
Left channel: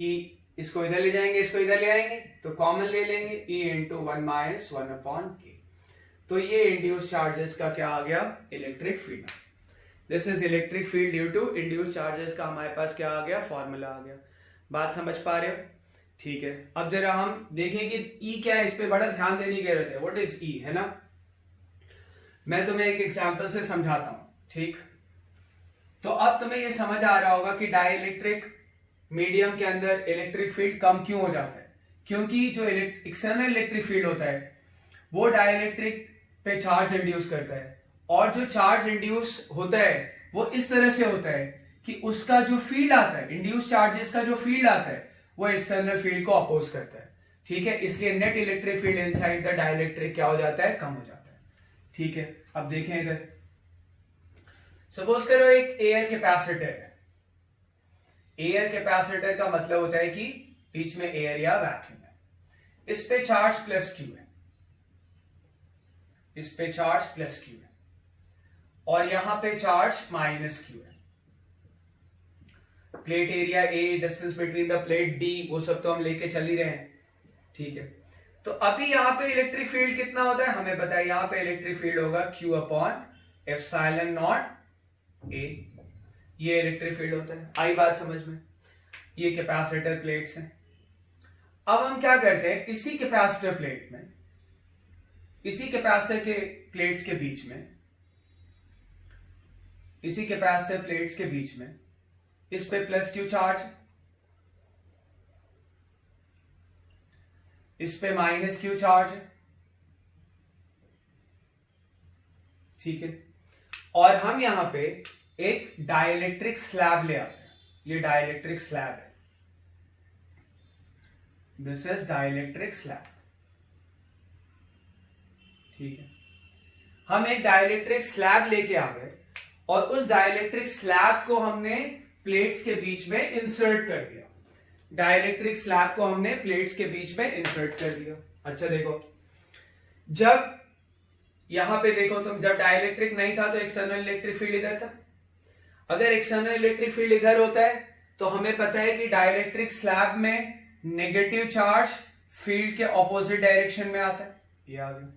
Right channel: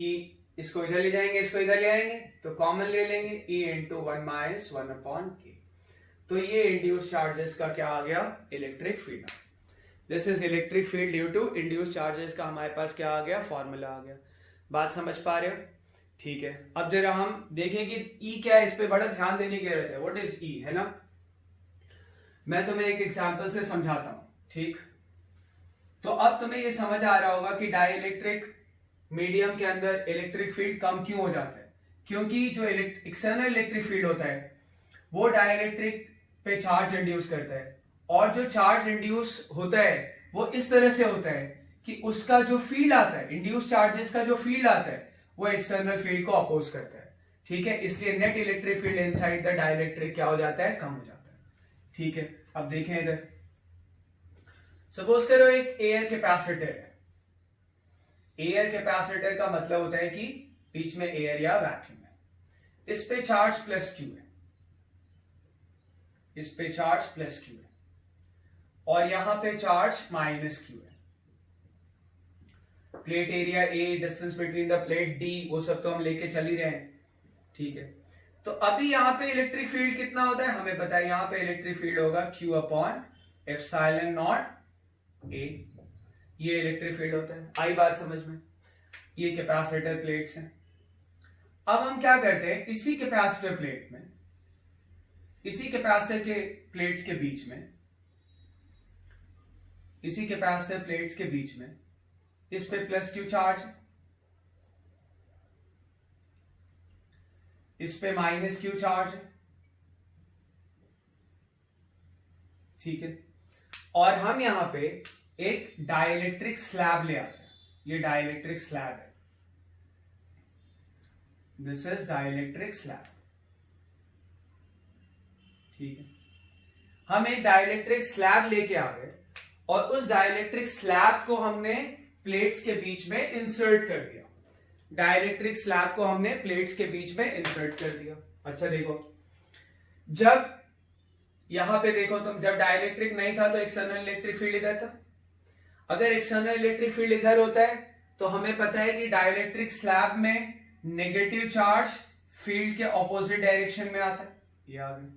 E, इसको इधर ले जाएंगे, इसको इधर ले आएंगे तो कॉमन ले लेंगे, E into 1 minus 1 upon K। तो ये इंड्यूस चार्जेस का क्या आ गया, electric field. This is electric field due to induce charges का हमारे पास क्या आ गया, फॉर्मूला आ गया। बात समझ पा रहे हो? ठीक है, अब जरा हम देखें कि E क्या है, इस पे बड़ा ध्यान देने की जरूरत है। व्हाट इज E, है ना? मैं तुम्हें एक एग्जांपल से समझाता हूं, ठीक? तो अब तुम्हें ये समझ आ रहा होगा कि डाइलेक्ट्रिक मीडियम के अंदर इलेक्ट्रिक फील्ड कम क्यों हो जाता है? क्योंकि जो एक्सटर्नल इलेक्ट्रिक फील्ड होता है वो डाइलेक्ट्रिक पे चार्ज इंड्यूस करता है, और जो चार्ज इंड्यूस होता है वो इस तरह से होता है कि उसका जो फील्ड आता है, इंड्यूस चार्जेस का जो फील्ड आता है वो एक्सटर्नल फील्ड को अपोज करता है। ठीक है, इसलिए net electric field inside the dielectric क्या हो जाता है? कम हो जाता है। ठीक है, अब देखें इधर, सपोज करो एक एयर कैपेसिटर है। एयर कैपेसिटर का मतलब होता है कि बीच में एयर या वैक्यूम है, इस पे चार्ज प्लस क्यू है, इस पे चार्ज प्लस क्यू है, और यहां पे चार्ज माइनस क्यू है। Plate area A, distance between the plate D, वो सब तो हम लेके चल ही रहे हैं। ठीक है, तो अभी यहां पे इलेक्ट्रिक फील्ड कितना होता है हमें पता है, यहां पे इलेक्ट्रिक फील्ड होगा Q अपॉन एप्सिलॉन नॉट ए, ये इलेक्ट्रिक फील्ड होता है। आई बात समझ में? ये कैपेसिटर प्लेट्स हैं। अब हम क्या करते हैं, इसी कैपेसिटर प्लेट में, इसी कैपेसिटर के प्लेट्स के बीच में, इसी कैपेसिटर प्लेट्स के बीच में इस पे प्लस क्यू चार्ज, इस पे माइनस क्यू चार्ज है। ठीक है, और हम यहां पे एक डाइलेक्ट्रिक स्लैब ले आते हैं, ये डाइलेक्ट्रिक स्लैब है, दिस इज डाइलेक्ट्रिक स्लैब। ठीक है, हम एक डाइलेक्ट्रिक स्लैब लेके आ गए और उस डाइलेक्ट्रिक स्लैब को हमने प्लेट्स के बीच में इंसर्ट कर दिया। डाइलेक्ट्रिक स्लैब को हमने प्लेट्स के बीच में इंसर्ट कर दिया। अच्छा देखो, जब यहां पे देखो तुम, जब डाइलेक्ट्रिक नहीं था तो एक्सटर्नल इलेक्ट्रिक फील्ड इधर था। अगर एक्सटर्नल इलेक्ट्रिक फील्ड इधर होता है तो हमें पता है कि डाइलेक्ट्रिक स्लैब में नेगेटिव चार्ज फील्ड के ऑपोजिट डायरेक्शन में आता है, ये आ गया।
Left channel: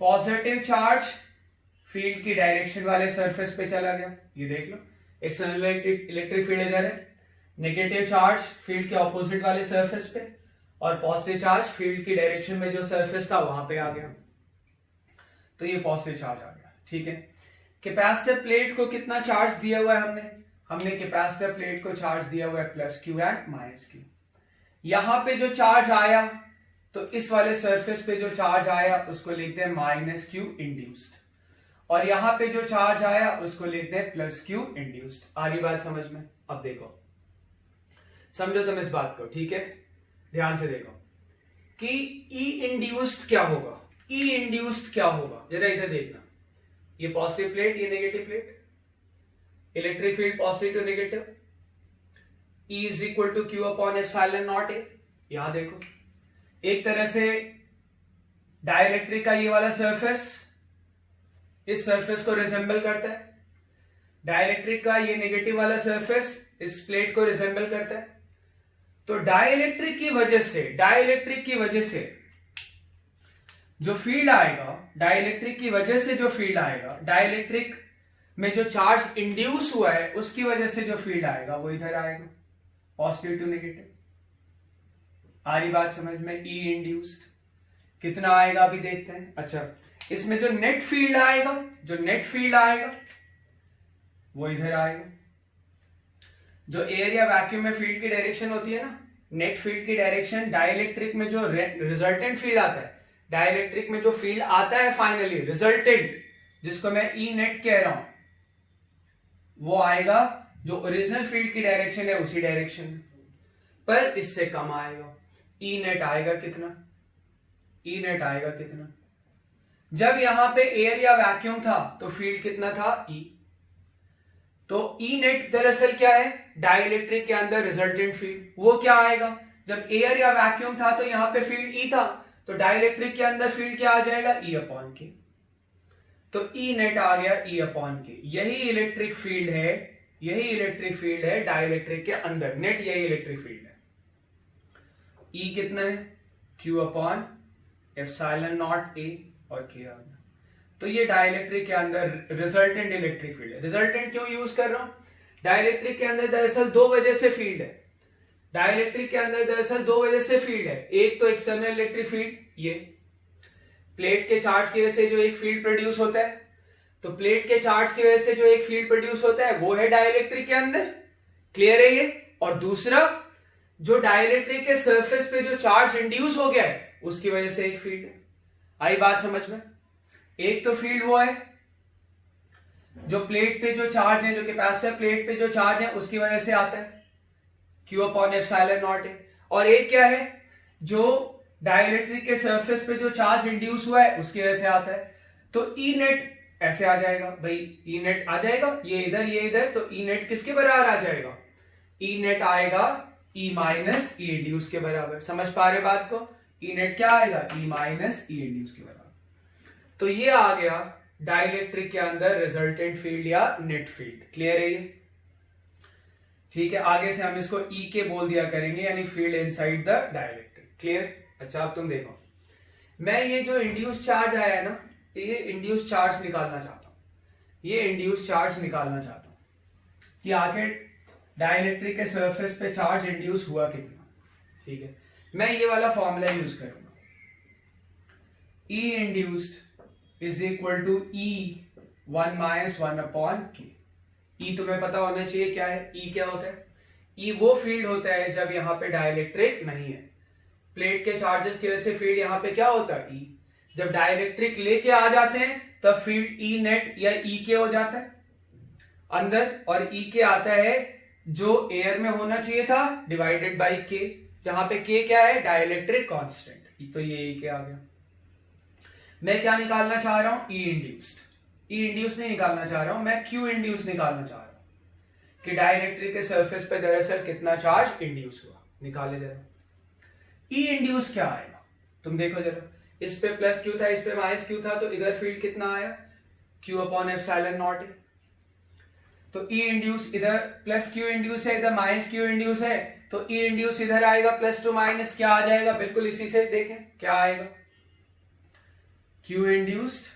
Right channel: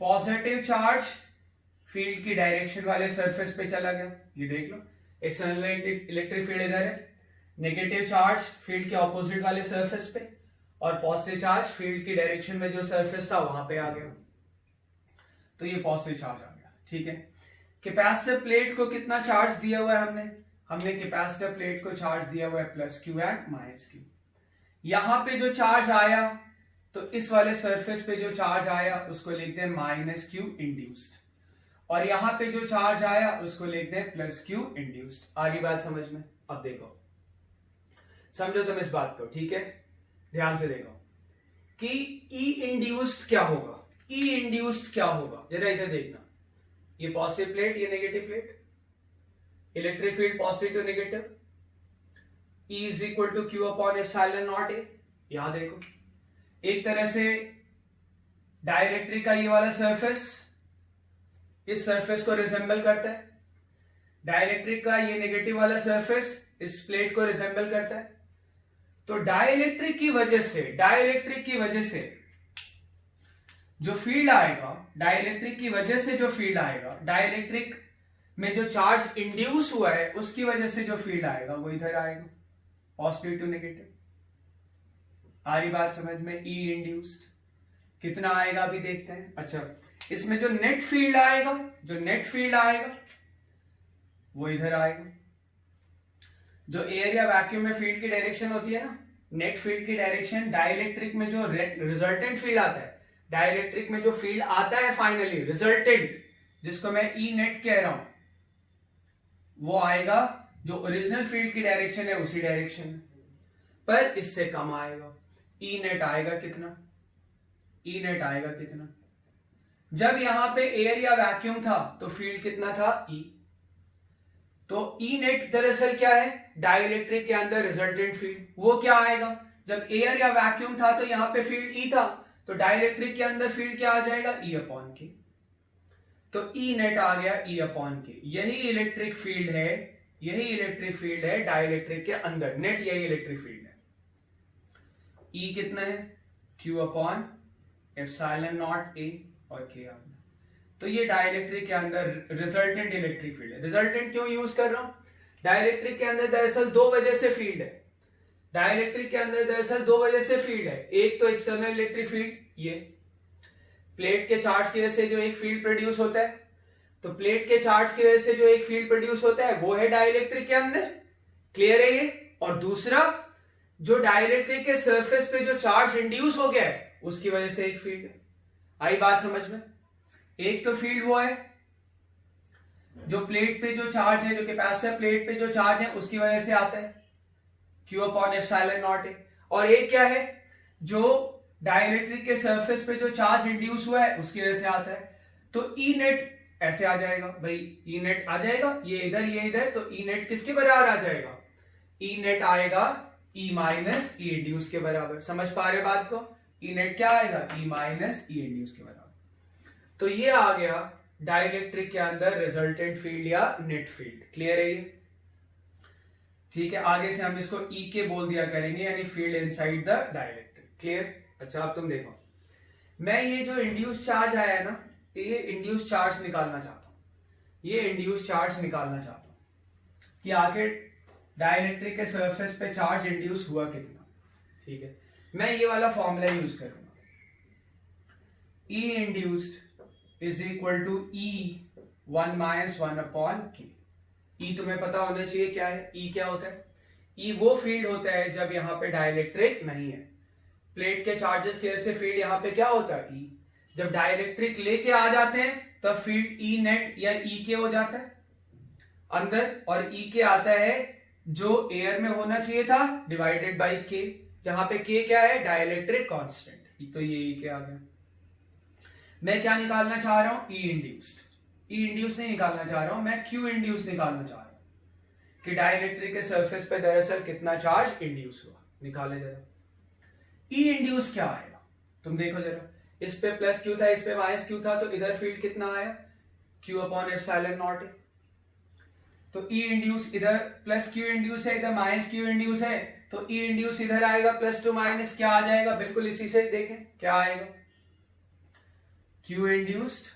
पॉजिटिव चार्ज फील्ड की डायरेक्शन वाले सरफेस पे चला गया, ये देख लो, एक्सटर्नल इलेक्ट्रिक फील्ड इधर है, नेगेटिव चार्ज फील्ड के ऑपोजिट वाले सरफेस पे, और पॉजिटिव चार्ज फील्ड की डायरेक्शन में जो सरफेस था वहां पे आ गया, तो ये पॉजिटिव चार्ज आ गया। ठीक है, कैपेसिटर प्लेट को कितना चार्ज दिया हुआ है हमने कैपेसिटर प्लेट को चार्ज दिया हुआ है plus Q and minus Q. यहां पे जो चार्ज आया तो इस वाले सरफेस पे जो चार्ज आया उसको लिखते हैं माइनस क्यू इंड्यूस्ड, और यहां पे जो चार्ज आया उसको लिखते हैं प्लस क्यू इंड्यूस्ड। आ रही बात समझ में? अब देखो, समझो तुम इस बात को। ठीक है, ध्यान से देखो कि ई इंड्यूस्ड क्या होगा, ई इंड्यूस्ड क्या होगा, जरा इधर देखना, ये पॉजिटिव प्लेट, ये negative plate, electric field positive to negative, E is equal to q upon epsilon naught A. यहां देखो, एक तरह से डाइलेक्ट्रिक का ये वाला सरफेस इस सरफेस को रिजेंबल करता है, डाइलेक्ट्रिक का ये नेगेटिव वाला सरफेस इस प्लेट को रिजेंबल करता है। तो डाइलेक्ट्रिक की वजह से जो फील्ड आएगा, डाइलेक्ट्रिक की वजह से जो फील्ड आएगा, डाइलेक्ट्रिक में जो चार्ज इंड्यूस हुआ है उसकी वजह से जो फील्ड आएगा वो इधर आएगा, पॉजिटिव टू नेगेटिव। आ रही बात समझ में? ई इंड्यूस्ड कितना आएगा अभी देखते हैं। अच्छा, इसमें जो नेट फील्ड आएगा वो इधर आएगा। जो एयर या वैक्यूम में फील्ड की डायरेक्शन होती है ना, नेट फील्ड की डायरेक्शन, डाइलेक्ट्रिक में जो रिजल्टेंट फील्ड आता है, डाइलेक्ट्रिक में जो फील्ड आता है फाइनली रिजल्टेंट, जिसको मैं ई नेट कह रहा हूं, वो आएगा जो ओरिजिनल फील्ड की डायरेक्शन है उसी डायरेक्शन में, पर इससे कम आएगा। ई नेट आएगा कितना? ई नेट आएगा कितना? जब यहां पे एयर या वैक्यूम था तो फील्ड कितना था? ई। तो ई नेट दरअसल क्या है? डाइलेक्ट्रिक के अंदर रिजल्टेंट फील्ड। वो क्या आएगा? जब एयर या वैक्यूम था तो यहां पे फील्ड ई था, तो डाइलेक्ट्रिक के अंदर फील्ड क्या आ जाएगा? ई अपॉन के। तो ई नेट आ गया ई अपॉन के। यही इलेक्ट्रिक फील्ड है डाइलेक्ट्रिक के अंदर, नेट यही इलेक्ट्रिक फील्ड है। ई कितना है? क्यू अपॉन एप्सिलॉन नॉट ए और के आ गया। तो ये डाइलेक्ट्रिक के अंदर रिजल्टेंट इलेक्ट्रिक फील्ड है। रिजल्टेंट क्यों यूज कर रहा हूं? डाइलेक्ट्रिक के अंदर दरअसल दो वजह से फील्ड है। डाइलेक्ट्रिक के अंदर दरअसल दो वजह से फील्ड है। एक तो एक्सटर्नल इलेक्ट्रिक फील्ड, ये प्लेट के चार्ज की वजह से जो एक फील्ड प्रोड्यूस होता है, तो प्लेट के चार्ज की वजह से जो एक फील्ड प्रोड्यूस होता है वो है डाइलेक्ट्रिक के अंदर, क्लियर है ये। और दूसरा जो डाइलेक्ट्रिक के सरफेस पे जो चार्ज इंड्यूस हो गया है उसकी वजह से एक फील्ड है। आई बात समझ में? एक तो फील्ड वो है जो प्लेट पे जो चार्ज है, जो कैपेसिटर प्लेट पे जो चार्ज है उसकी वजह से आता है Q अपॉन एप्सिलॉन नॉट है। और एक क्या है जो डाइलेक्ट्रिक के सरफेस पे जो चार्ज इंड्यूस हुआ है उसकी वजह से आता है। तो ई नेट ऐसे आ जाएगा भाई, ई नेट आ जाएगा, ये इधर, तो ई नेट किसके बराबर आ जाएगा? ई नेट आएगा ई माइनस ई इंड्यूस के बराबर। समझ पा रहे बात को? ई नेट क्या आएगा? ई माइनस ई इंड्यूस के बराबर। तो ये आ गया डाइलेक्ट्रिक के अंदर रिजल्टेंट फील्ड या नेट फील्ड। क्लियर है ये? ठीक है, आगे से हम इसको ई के बोल दिया करेंगे, यानी field inside the dielectric. Clear? अच्छा, अब तुम देखो, मैं ये जो इंड्यूस चार्ज आया है ना, ये इंड्यूस चार्ज निकालना चाहता हूं, ये इंड्यूस चार्ज निकालना चाहता हूं कि आखिर डाइलेक्ट्रिक के सरफेस पे चार्ज इंड्यूस हुआ कितना। ठीक है, मैं ये वाला फॉर्मूला यूज करूंगा, E induced is equal to E 1 minus 1 upon K. E तुम्हें पता होना चाहिए क्या है। ई क्या होता है? ई वो फील्ड होता है जब यहां पे डाइलेक्ट्रिक नहीं है। प्लेट के चार्जेस की वजह से फील्ड यहां पे क्या होता है? ई। जब डाइलेक्ट्रिक लेके आ जाते हैं तब फील्ड ई नेट या ई के हो जाता है अंदर, और ई के आता है जो एयर में होना चाहिए था डिवाइडेड बाई के, जहां पे के क्या है? Dielectric constant. तो ये ई के आ गया। मैं क्या निकालना चाह रहा हूं? ई इंड्यूस्ड। ई इंड्यूस नहीं निकालना चाह रहा हूं मैं, क्यू इंड्यूस निकालना चाह रहा हूं कि डाइलेक्ट्रिक के सरफेस पे दरअसल कितना चार्ज इंड्यूस हुआ। निकाले जरा। ई इंड्यूस क्या आएगा तुम देखो जरा, इस पे प्लस क्यू था, इस पे माइनस क्यू था, तो इधर फील्ड कितना आया? क्यू अपॉन एप्सिलॉन नॉट है। तो ई इंड्यूस इधर प्लस क्यू इंड्यूस है, इधर माइनस क्यू इंड्यूस है, तो ई इंड्यूस इधर आएगा प्लस टू माइनस क्या आ जाएगा? बिल्कुल इसी से देखें क्या आएगा, Q induced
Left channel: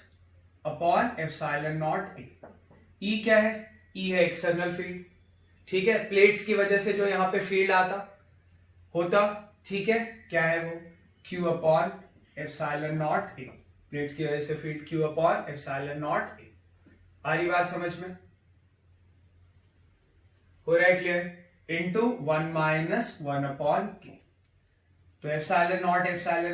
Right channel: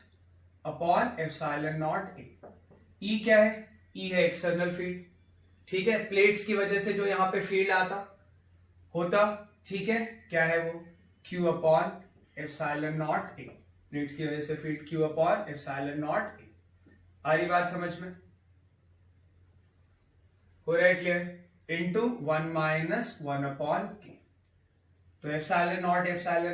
upon epsilon naught A. E क्या है? ई है एक्सटर्नल फील्ड। ठीक है, प्लेट्स की वजह से जो यहां पे फील्ड आता होता, ठीक है, क्या है वो? Q upon epsilon naught A. Plates की वजह से field Q upon epsilon naught A. आ रही बात समझ में? हो रहा है क्लियर? इनटू 1 माइनस 1 अपॉन के। तो एप्सिलॉन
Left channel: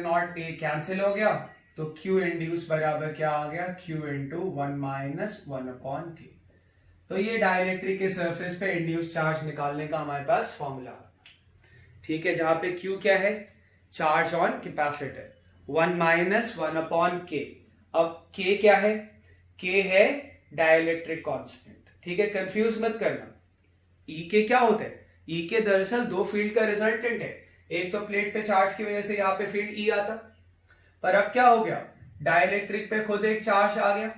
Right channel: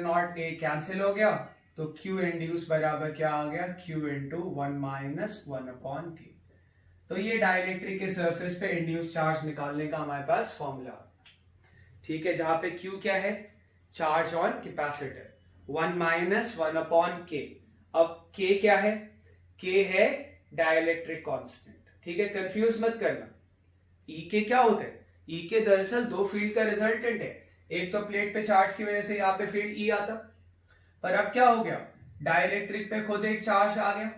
नॉट ए कैंसिल हो गया, तो Q इंड्यूस बराबर क्या आ गया? Q इंटू 1 माइनस 1 अपॉन के। तो ये डाइलेक्ट्रिक के सरफेस पे इंड्यूस चार्ज निकालने का हमारे पास फॉर्मूला। ठीक है, जहां पे Q क्या है? Charge on capacitor, 1 minus 1 upon के। अब K क्या है? K है डाइलेक्ट्रिक कांस्टेंट। ठीक है, कंफ्यूज मत करना। E के क्या होता है? E के दरअसल दो फील्ड का रिजल्टेंट है। एक तो प्लेट पे चार्ज की वजह से यहाँ पे फील्ड E आता, पर अब क्या हो गया? डाइलेक्ट्रिक पे खुद एक चार्ज आ गया,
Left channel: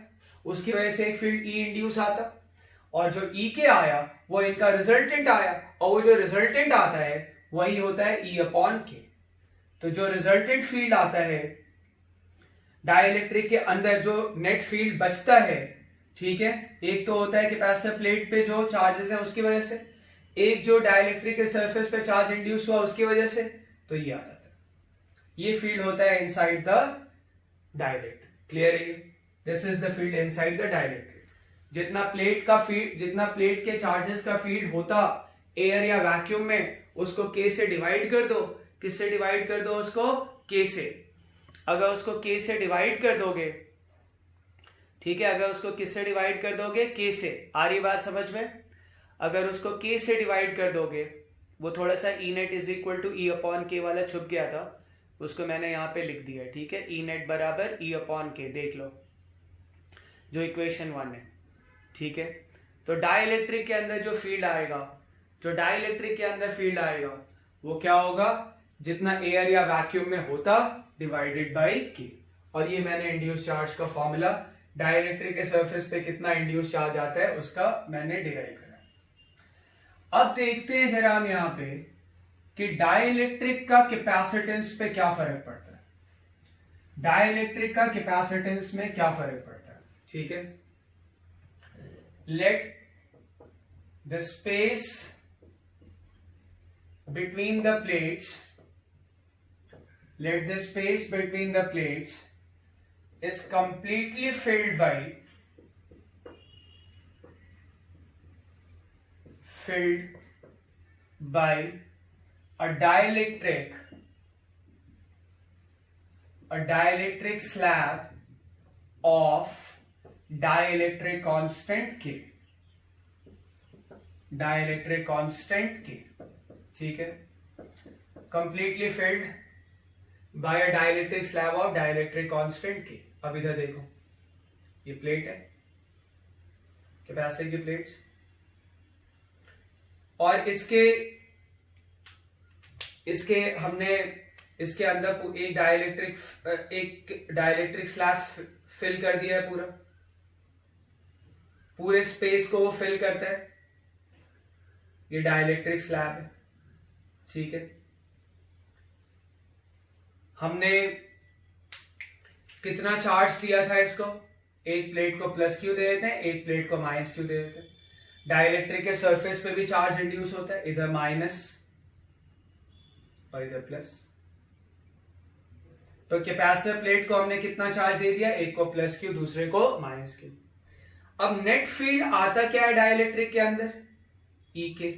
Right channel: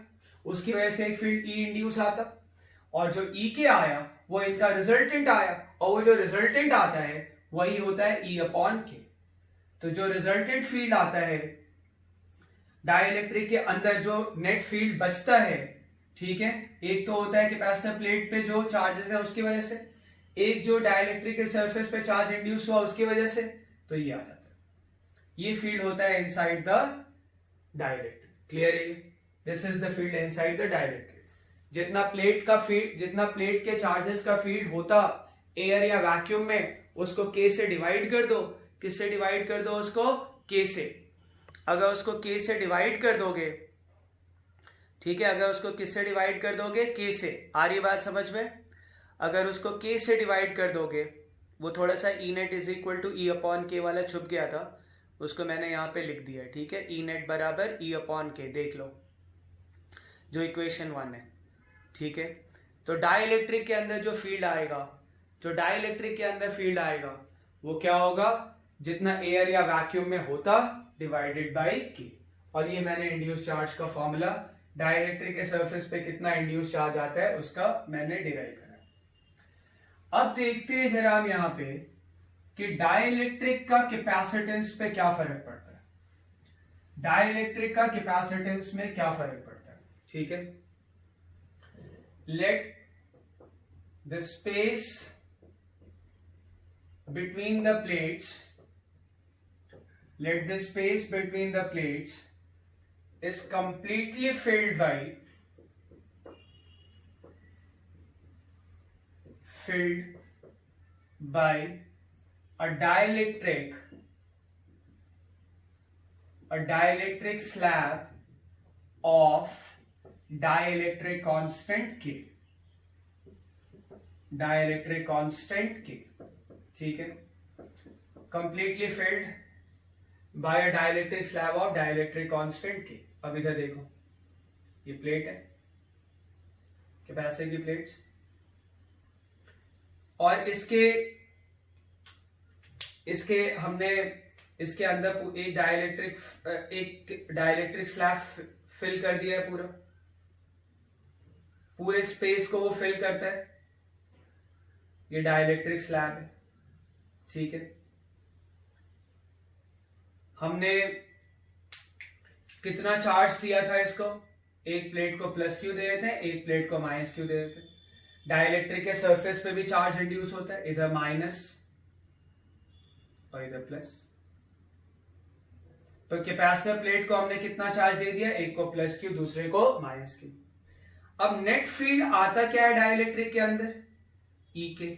उसकी वजह से एक फील्ड ई इंड्यूस आता, और जो ई के आया वो इनका रिजल्टेंट आया, और वो जो रिजल्टेंट आता है वही होता है ई अपॉन के। तो जो रिजल्टेंट फील्ड आता है डाइलेक्ट्रिक के अंदर, जो नेट फील्ड बचता है, ठीक है, एक तो होता है कैपेसिटर प्लेट पे जो चार्जेस है उसकी वजह से, एक जो डाइलेक्ट्रिक के सरफेस पे चार्ज इंड्यूस हुआ उसकी वजह से, तो ये आता है। ये फील्ड होता है इनसाइड द डाइलेक्ट्रिक। क्लियर है? This is the field inside the dielectric. जितना प्लेट का फील्ड, जितना प्लेट के चार्जेस का फील्ड होता एयर या वैक्यूम में, उसको के से डिवाइड कर दो। किससे डिवाइड कर दो उसको? के से। अगर उसको के से डिवाइड कर दोगे, ठीक है, अगर उसको किससे डिवाइड कर दोगे? के से। आ रही बात समझ में? अगर उसको के से डिवाइड कर दोगे, वो थोड़ा सा E net is equal to E upon K वाला छुप गया था, उसको मैंने यहां पे लिख दिया है। ठीक है, ई नेट बराबर ई अपॉन के, देख लो जो इक्वेशन 1 है। ठीक है, तो डाइलेक्ट्रिक के अंदर जो फील्ड आएगा, जो डाइलेक्ट्रिक के अंदर फील्ड आएगा वो क्या होगा? जितना एयर या वैक्यूम में होता डिवाइडेड बाई के। और ये मैंने इंड्यूस चार्ज का फॉर्मूला, डाइलेक्ट्रिक के सरफेस पे कितना इंड्यूस चार्ज आता है उसका मैंने डिराइव करा। अब देखते हैं जरा हम यहां पे कि डाइलेक्ट्रिक का कैपेसिटेंस पे क्या फर्क पड़ता है। डाइलेक्ट्रिक का कैपेसिटेंस में क्या फर्क पड़ता है? ठीक है, let the space between the plates, let the space between the plates is completely filled by a dielectric slab of dielectric constant K, dielectric constant K, ठीक है, completely filled by a dielectric slab of dielectric constant K। अब इधर देखो, ये plate है, capacitor की plates, और हमने इसके अंदर एक डाइलेक्ट्रिक स्लैब फिल कर दिया है, पूरे स्पेस को वो फिल करता है, ये डाइलेक्ट्रिक स्लैब है, ठीक है। हमने कितना चार्ज दिया था इसको, एक प्लेट को प्लस क्यू दे देते हैं, एक प्लेट को माइनस क्यू दे देते हैं। डाइलेक्ट्रिक के सरफेस पे भी चार्ज रिड्यूस होता है, इधर माइनस और इधर प्लस। तो कैपेसिटर प्लेट को हमने कितना चार्ज दे दिया, एक को प्लस क्यू, दूसरे को माइनस क्यू। अब नेट फील्ड आता क्या है डाइलेक्ट्रिक के अंदर, ई के।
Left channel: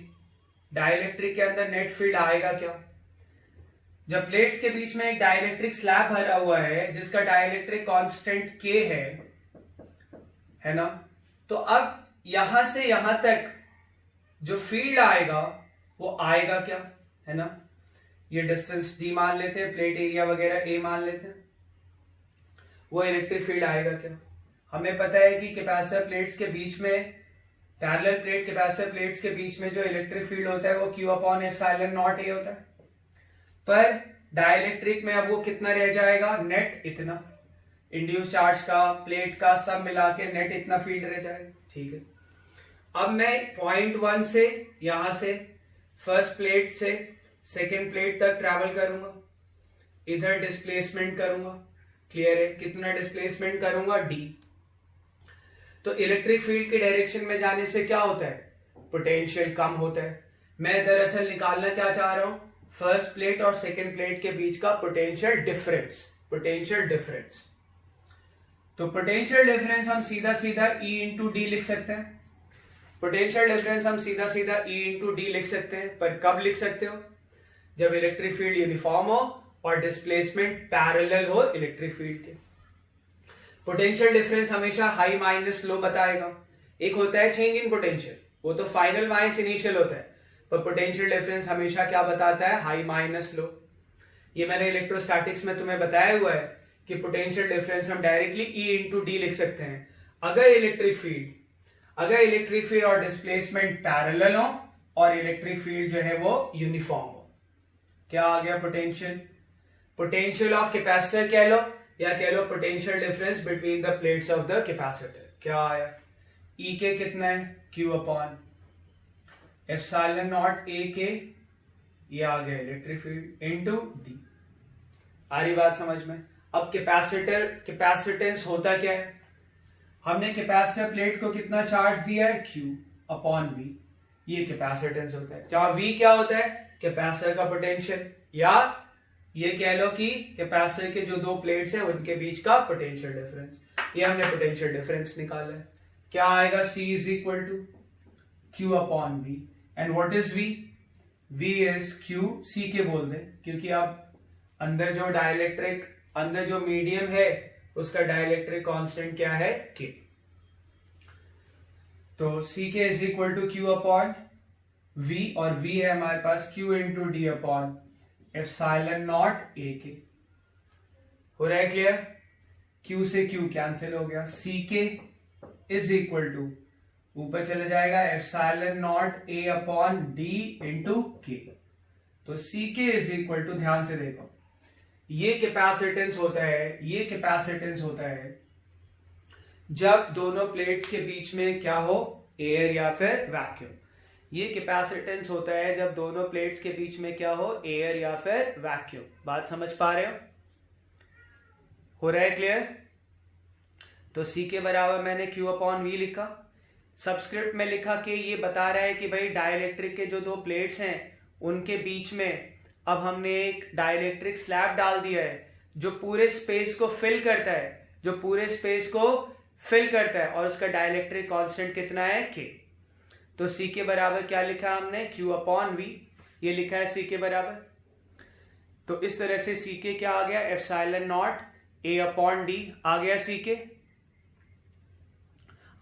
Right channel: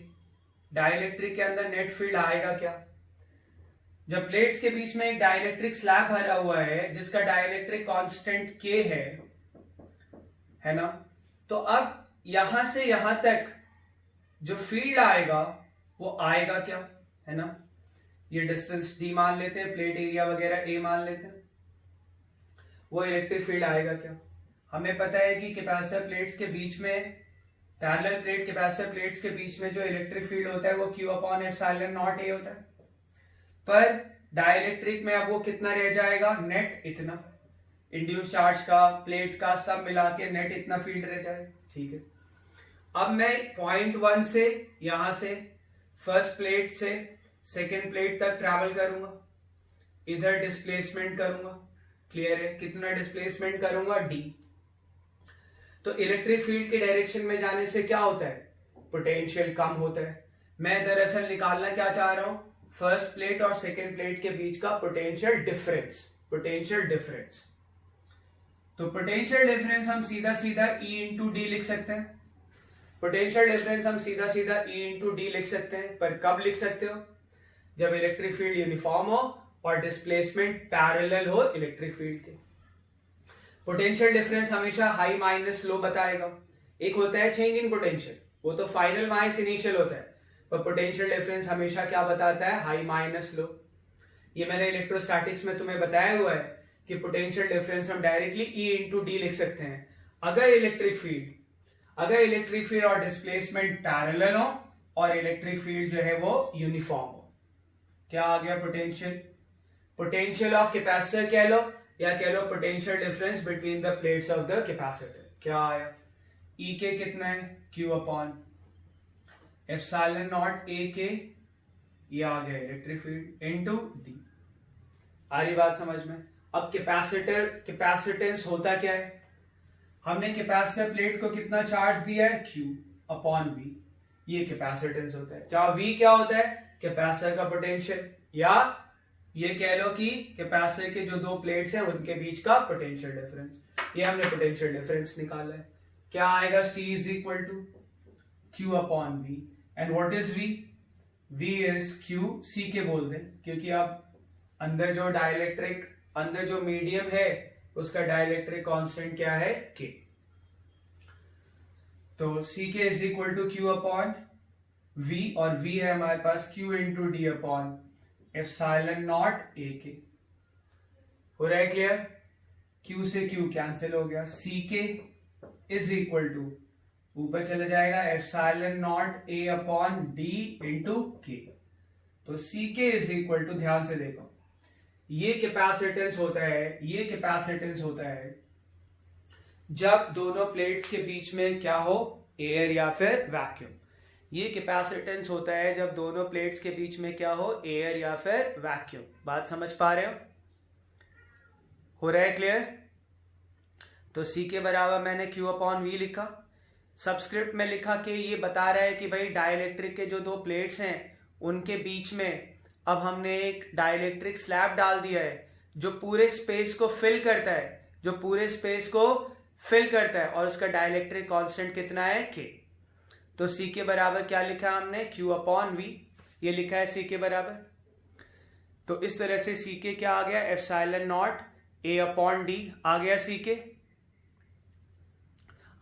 डाइलेक्ट्रिक के अंदर नेट फील्ड आएगा क्या, जब प्लेट्स के बीच में एक डाइलेक्ट्रिक स्लैब भरा हुआ है जिसका डाइलेक्ट्रिक कांस्टेंट के है ना, तो अब यहां से यहां तक जो फील्ड आएगा वो आएगा क्या, है ना। ये डिस्टेंस डी मान लेते हैं, प्लेट एरिया वगैरह ए मान लेते हैं, वो इलेक्ट्रिक फील्ड आएगा क्या। हमें पता है कि कैपेसिटर प्लेट्स के बीच में, पैरेलल प्लेट कैपेसिटर प्लेट्स के बीच में जो इलेक्ट्रिक फील्ड होता है वो Q अपॉन एप्सिलॉन नॉट ए होता है, पर डाइलेक्ट्रिक में अब वो कितना रह जाएगा, नेट इतना, इंड्यूस चार्ज का, प्लेट का, सब मिला के नेट इतना फील्ड रह जाएगा, ठीक है। अब मैं पॉइंट 1 से यहां से फर्स्ट प्लेट से सेकेंड प्लेट तक ट्रैवल करूंगा, इधर डिस्प्लेसमेंट करूंगा, क्लियर है, कितना डिस्प्लेसमेंट करूंगा, डी। तो इलेक्ट्रिक फील्ड की डायरेक्शन में जाने से क्या होता है, पोटेंशियल कम होता है। मैं दरअसल निकालना क्या चाह रहा हूं, फर्स्ट प्लेट और सेकेंड प्लेट के बीच का पोटेंशियल डिफरेंस, पोटेंशियल डिफरेंस। तो पोटेंशियल डिफरेंस हम सीधा सीधा E इंटू डी लिख सकते हैं, पोटेंशियल डिफरेंस हम सीधा सीधा E इंटू डी लिख सकते हैं, पर कब लिख सकते हो, जब इलेक्ट्रिक फील्ड यूनिफॉर्म हो और डिस्प्लेसमेंट पैरेलल हो इलेक्ट्रिक फील्ड के। पोटेंशियल डिफरेंस हमेशा हाई माइनस लो बताएगा। एक होता है चेंज इन पोटेंशियल, वो तो फाइनल माइनस इनिशियल होता है, पर पोटेंशियल डिफरेंस हमेशा क्या बताता है, हाई माइनस लो। ये मैंने इलेक्ट्रोस्टैटिक्स में तुम्हें बताया हुआ है कि पोटेंशियल डिफरेंस हम डायरेक्टली E इंटू डी लिख सकते हैं अगर इलेक्ट्रिक फील्ड और डिस्प्लेसमेंट पैरेलल हो और इलेक्ट्रिक फील्ड जो है वो यूनिफॉर्म हो। क्या आ गया, पोटेंशियल ऑफ कैपेसिटर कह लो या कह low potential difference between the plates of the capacitor. क्या आया, E के कितना है, Q upon epsilon naught A के, ये आ गया इलेक्ट्रिक फील्ड इनटू डी। आ रही बात समझ में। अब कैपेसिटेंस होता क्या है, हमने कैपेसिटर प्लेट को कितना चार्ज दिया है, Q अपॉन V, ये कैपेसिटेंस होता है। जहां V क्या होता है, कैपेसिटर का पोटेंशियल, या ये कह लो कि कैपेसिटर के जो दो प्लेट्स हैं उनके बीच का पोटेंशियल डिफरेंस। ये हमने पोटेंशियल डिफरेंस निकाला है। क्या आएगा, C is equal to Q upon V, and what is V, V is Q, C के बोल दें, क्योंकि अब अंदर जो मीडियम है उसका डाइलेक्ट्रिक कांस्टेंट क्या है, K। तो C के is equal to Q upon V, और V है हमारे पास Q into d upon epsilon naught A के। हो रहा है क्लियर, Q से Q कैंसिल हो गया, C के इज इक्वल टू ऊपर चले जाएगा epsilon naught A upon D into के। तो C के इज इक्वल टू, ध्यान से देखो, ये कैपेसिटेंस होता है जब दोनों प्लेट्स के बीच में क्या हो, एयर या फिर वैक्यूम। ये कैपेसिटेंस होता है जब दोनों प्लेट्स के बीच में क्या हो, एयर या फिर वैक्यूम। बात समझ पा रहे हो रहा है क्लियर। तो C के बराबर मैंने Q अपॉन V लिखा, सबस्क्रिप्ट में लिखा कि ये बता रहा है कि भाई डाइलेक्ट्रिक के जो दो प्लेट्स हैं उनके बीच में अब हमने एक डाइलेक्ट्रिक स्लैब डाल दिया है जो पूरे स्पेस को फिल करता है, और उसका डाइलेक्ट्रिक कांस्टेंट कितना है, K। तो C के बराबर क्या लिखा हमने, Q अपॉन V, ये लिखा है सी के बराबर। तो इस तरह से सी के क्या आ गया, epsilon naught A upon D आ गया सी के।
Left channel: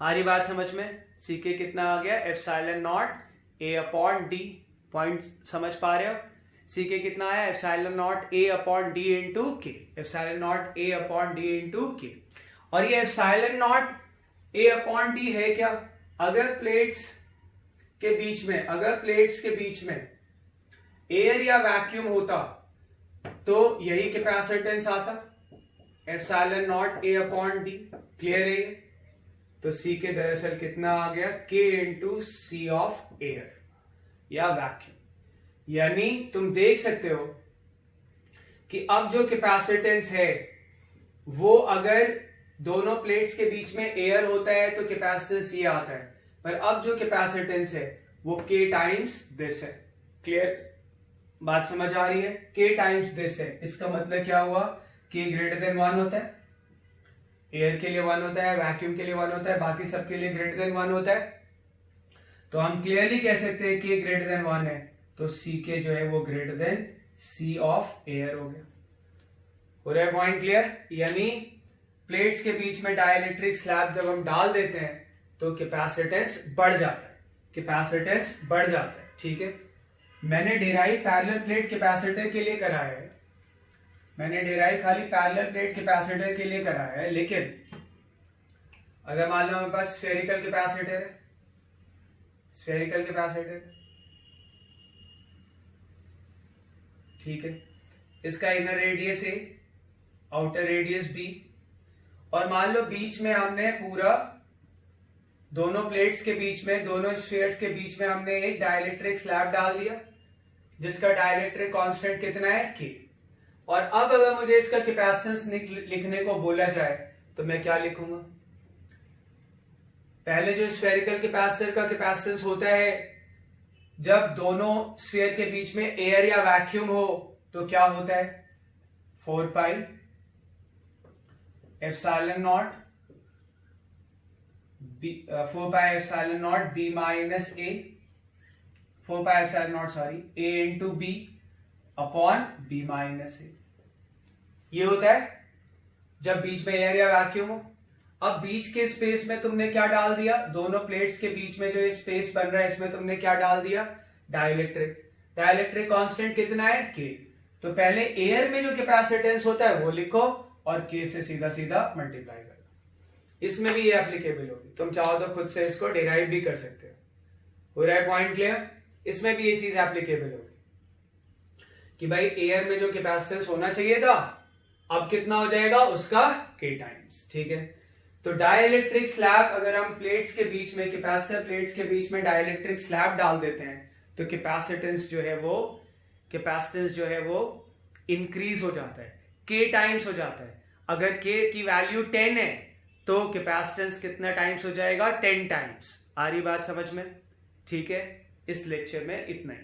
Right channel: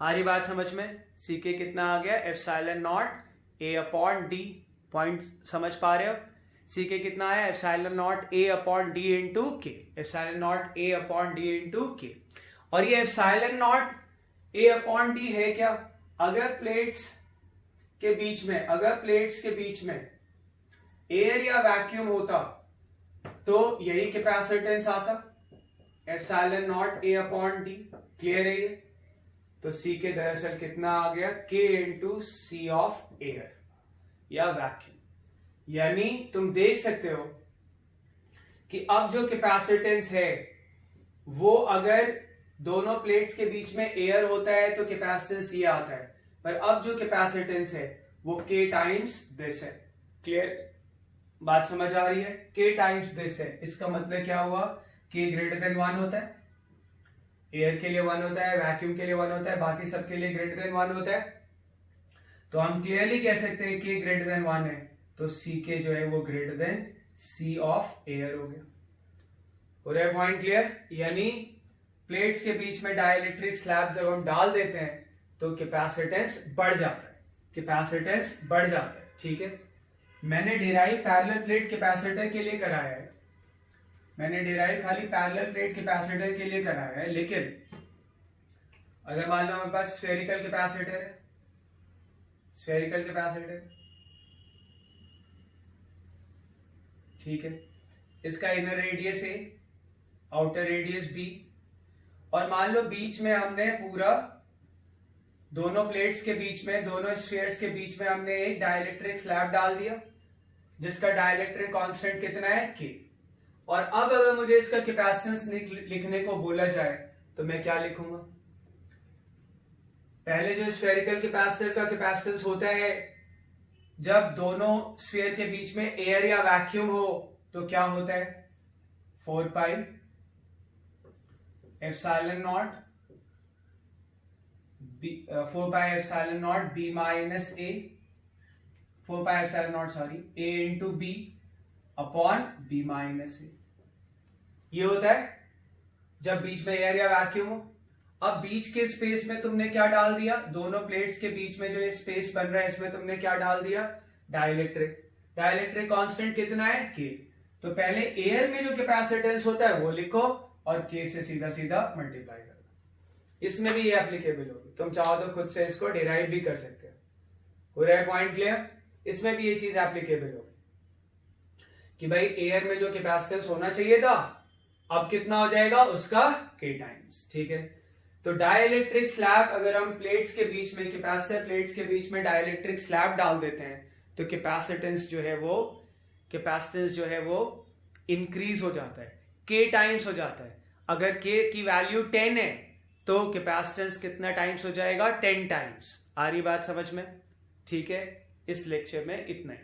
आ रही बात समझ में, सी के कितना आ गया, epsilon naught A upon D. Point समझ पा रहे हो, सी के कितना आया, epsilon naught A upon D into K, epsilon naught A upon D into K. और ये epsilon naught A upon D है क्या, अगर प्लेट्स के बीच में एयर या वैक्यूम होता तो यही कैपेसिटेंस आता, epsilon naught A upon D. Clear है ये? तो सी के दरअसल कितना आ गया, के इंटू सी ऑफ एयर या वैक्यूम। यानी तुम देख सकते हो कि अब जो कैपेसिटेंस है वो अगर दोनों प्लेट्स के बीच में एयर होता है तो कैपेसिटेंस ये आता है, पर अब जो कैपेसिटेंस है वो के टाइम्स दिस है। क्लियर बात समझ आ रही है, के टाइम्स दिस है। इसका मतलब क्या हुआ, के ग्रेटर देन 1 होता है, एयर के लिए 1 होता है, वैक्यूम के लिए 1 होता है, बाकी सबके लिए ग्रेटर देन 1 होता है। तो हम क्लियरली कह सकते हैं कि ग्रेटर देन 1 है, तो सी के जो है वो greater than C of air हो गया। हो रहा है पॉइंट क्लियर? यानी प्लेट्स के बीच में डाइलेक्ट्रिक स्लैब जब हम डाल देते हैं तो कैपेसिटेंस बढ़ जाता है, कैपेसिटेंस बढ़ जाता है। ठीक है, मैंने डिराइव पैरेलल प्लेट कैपेसिटर के लिए कराया है, मैंने डिराइव खाली पैरेलल प्लेट कैपेसिटर के लिए कराया है। लेकिन अगर मान लो मेरे पास स्फेरिकल कैपेसिटर है, स्फेरिकल कैपेसिटर, ठीक है, इसका इनर रेडियस ए, आउटर रेडियस बी, और मान लो बीच में हमने पूरा दोनों प्लेट्स के बीच में, दोनों स्फीयर्स के बीच में हमने एक डाइलेक्ट्रिक स्लैब डाल दिया जिसका डाइलेक्ट्रिक कांस्टेंट कितना है, के। और अब अगर मुझे इसका कैपेसिटेंस लिखने को बोला जाए तो मैं क्या लिखूंगा, पहले जो स्फेरिकल कैपेसिटर का कैपेसिटेंस होता है जब दोनों स्फीयर के बीच में एयर या वैक्यूम हो तो क्या होता है, 4 pi epsilon naught B, 4 pi epsilon naught B minus A, 4 pi epsilon naught sorry A into B upon B minus A. ये होता है जब बीच में एयर या वैक्यूम हो। अब बीच के स्पेस में तुमने क्या डाल दिया, दोनों प्लेट्स के बीच में जो ये स्पेस बन रहा है इसमें तुमने क्या डाल दिया, डाइलेक्ट्रिक। डाइलेक्ट्रिक कांस्टेंट कितना है, के। तो पहले एयर में जो कैपेसिटेंस होता है वो लिखो और के से सीधा सीधा मल्टीप्लाई कर दो। इसमें भी ये एप्लीकेबल होगी, तुम चाहो तो खुद से इसको डिराइव भी कर सकते हो रहा है पॉइंट क्लियर? इसमें भी ये चीज एप्लीकेबल होगी कि भाई एयर में जो कैपेसिटेंस होना चाहिए था अब कितना हो जाएगा उसका के टाइम्स। ठीक है, तो डाइलेक्ट्रिक स्लैब अगर हम प्लेट्स के बीच में, कैपेसिटर प्लेट्स के बीच में डाइलेक्ट्रिक स्लैब डाल देते हैं तो कैपेसिटेंस जो है वो इंक्रीज हो जाता है, के टाइम्स हो जाता है। अगर के की वैल्यू 10 है तो कैपेसिटेंस कितना टाइम्स हो जाएगा, 10 टाइम्स। आ रही बात समझ में? ठीक है, इस लेक्चर में इतना ही।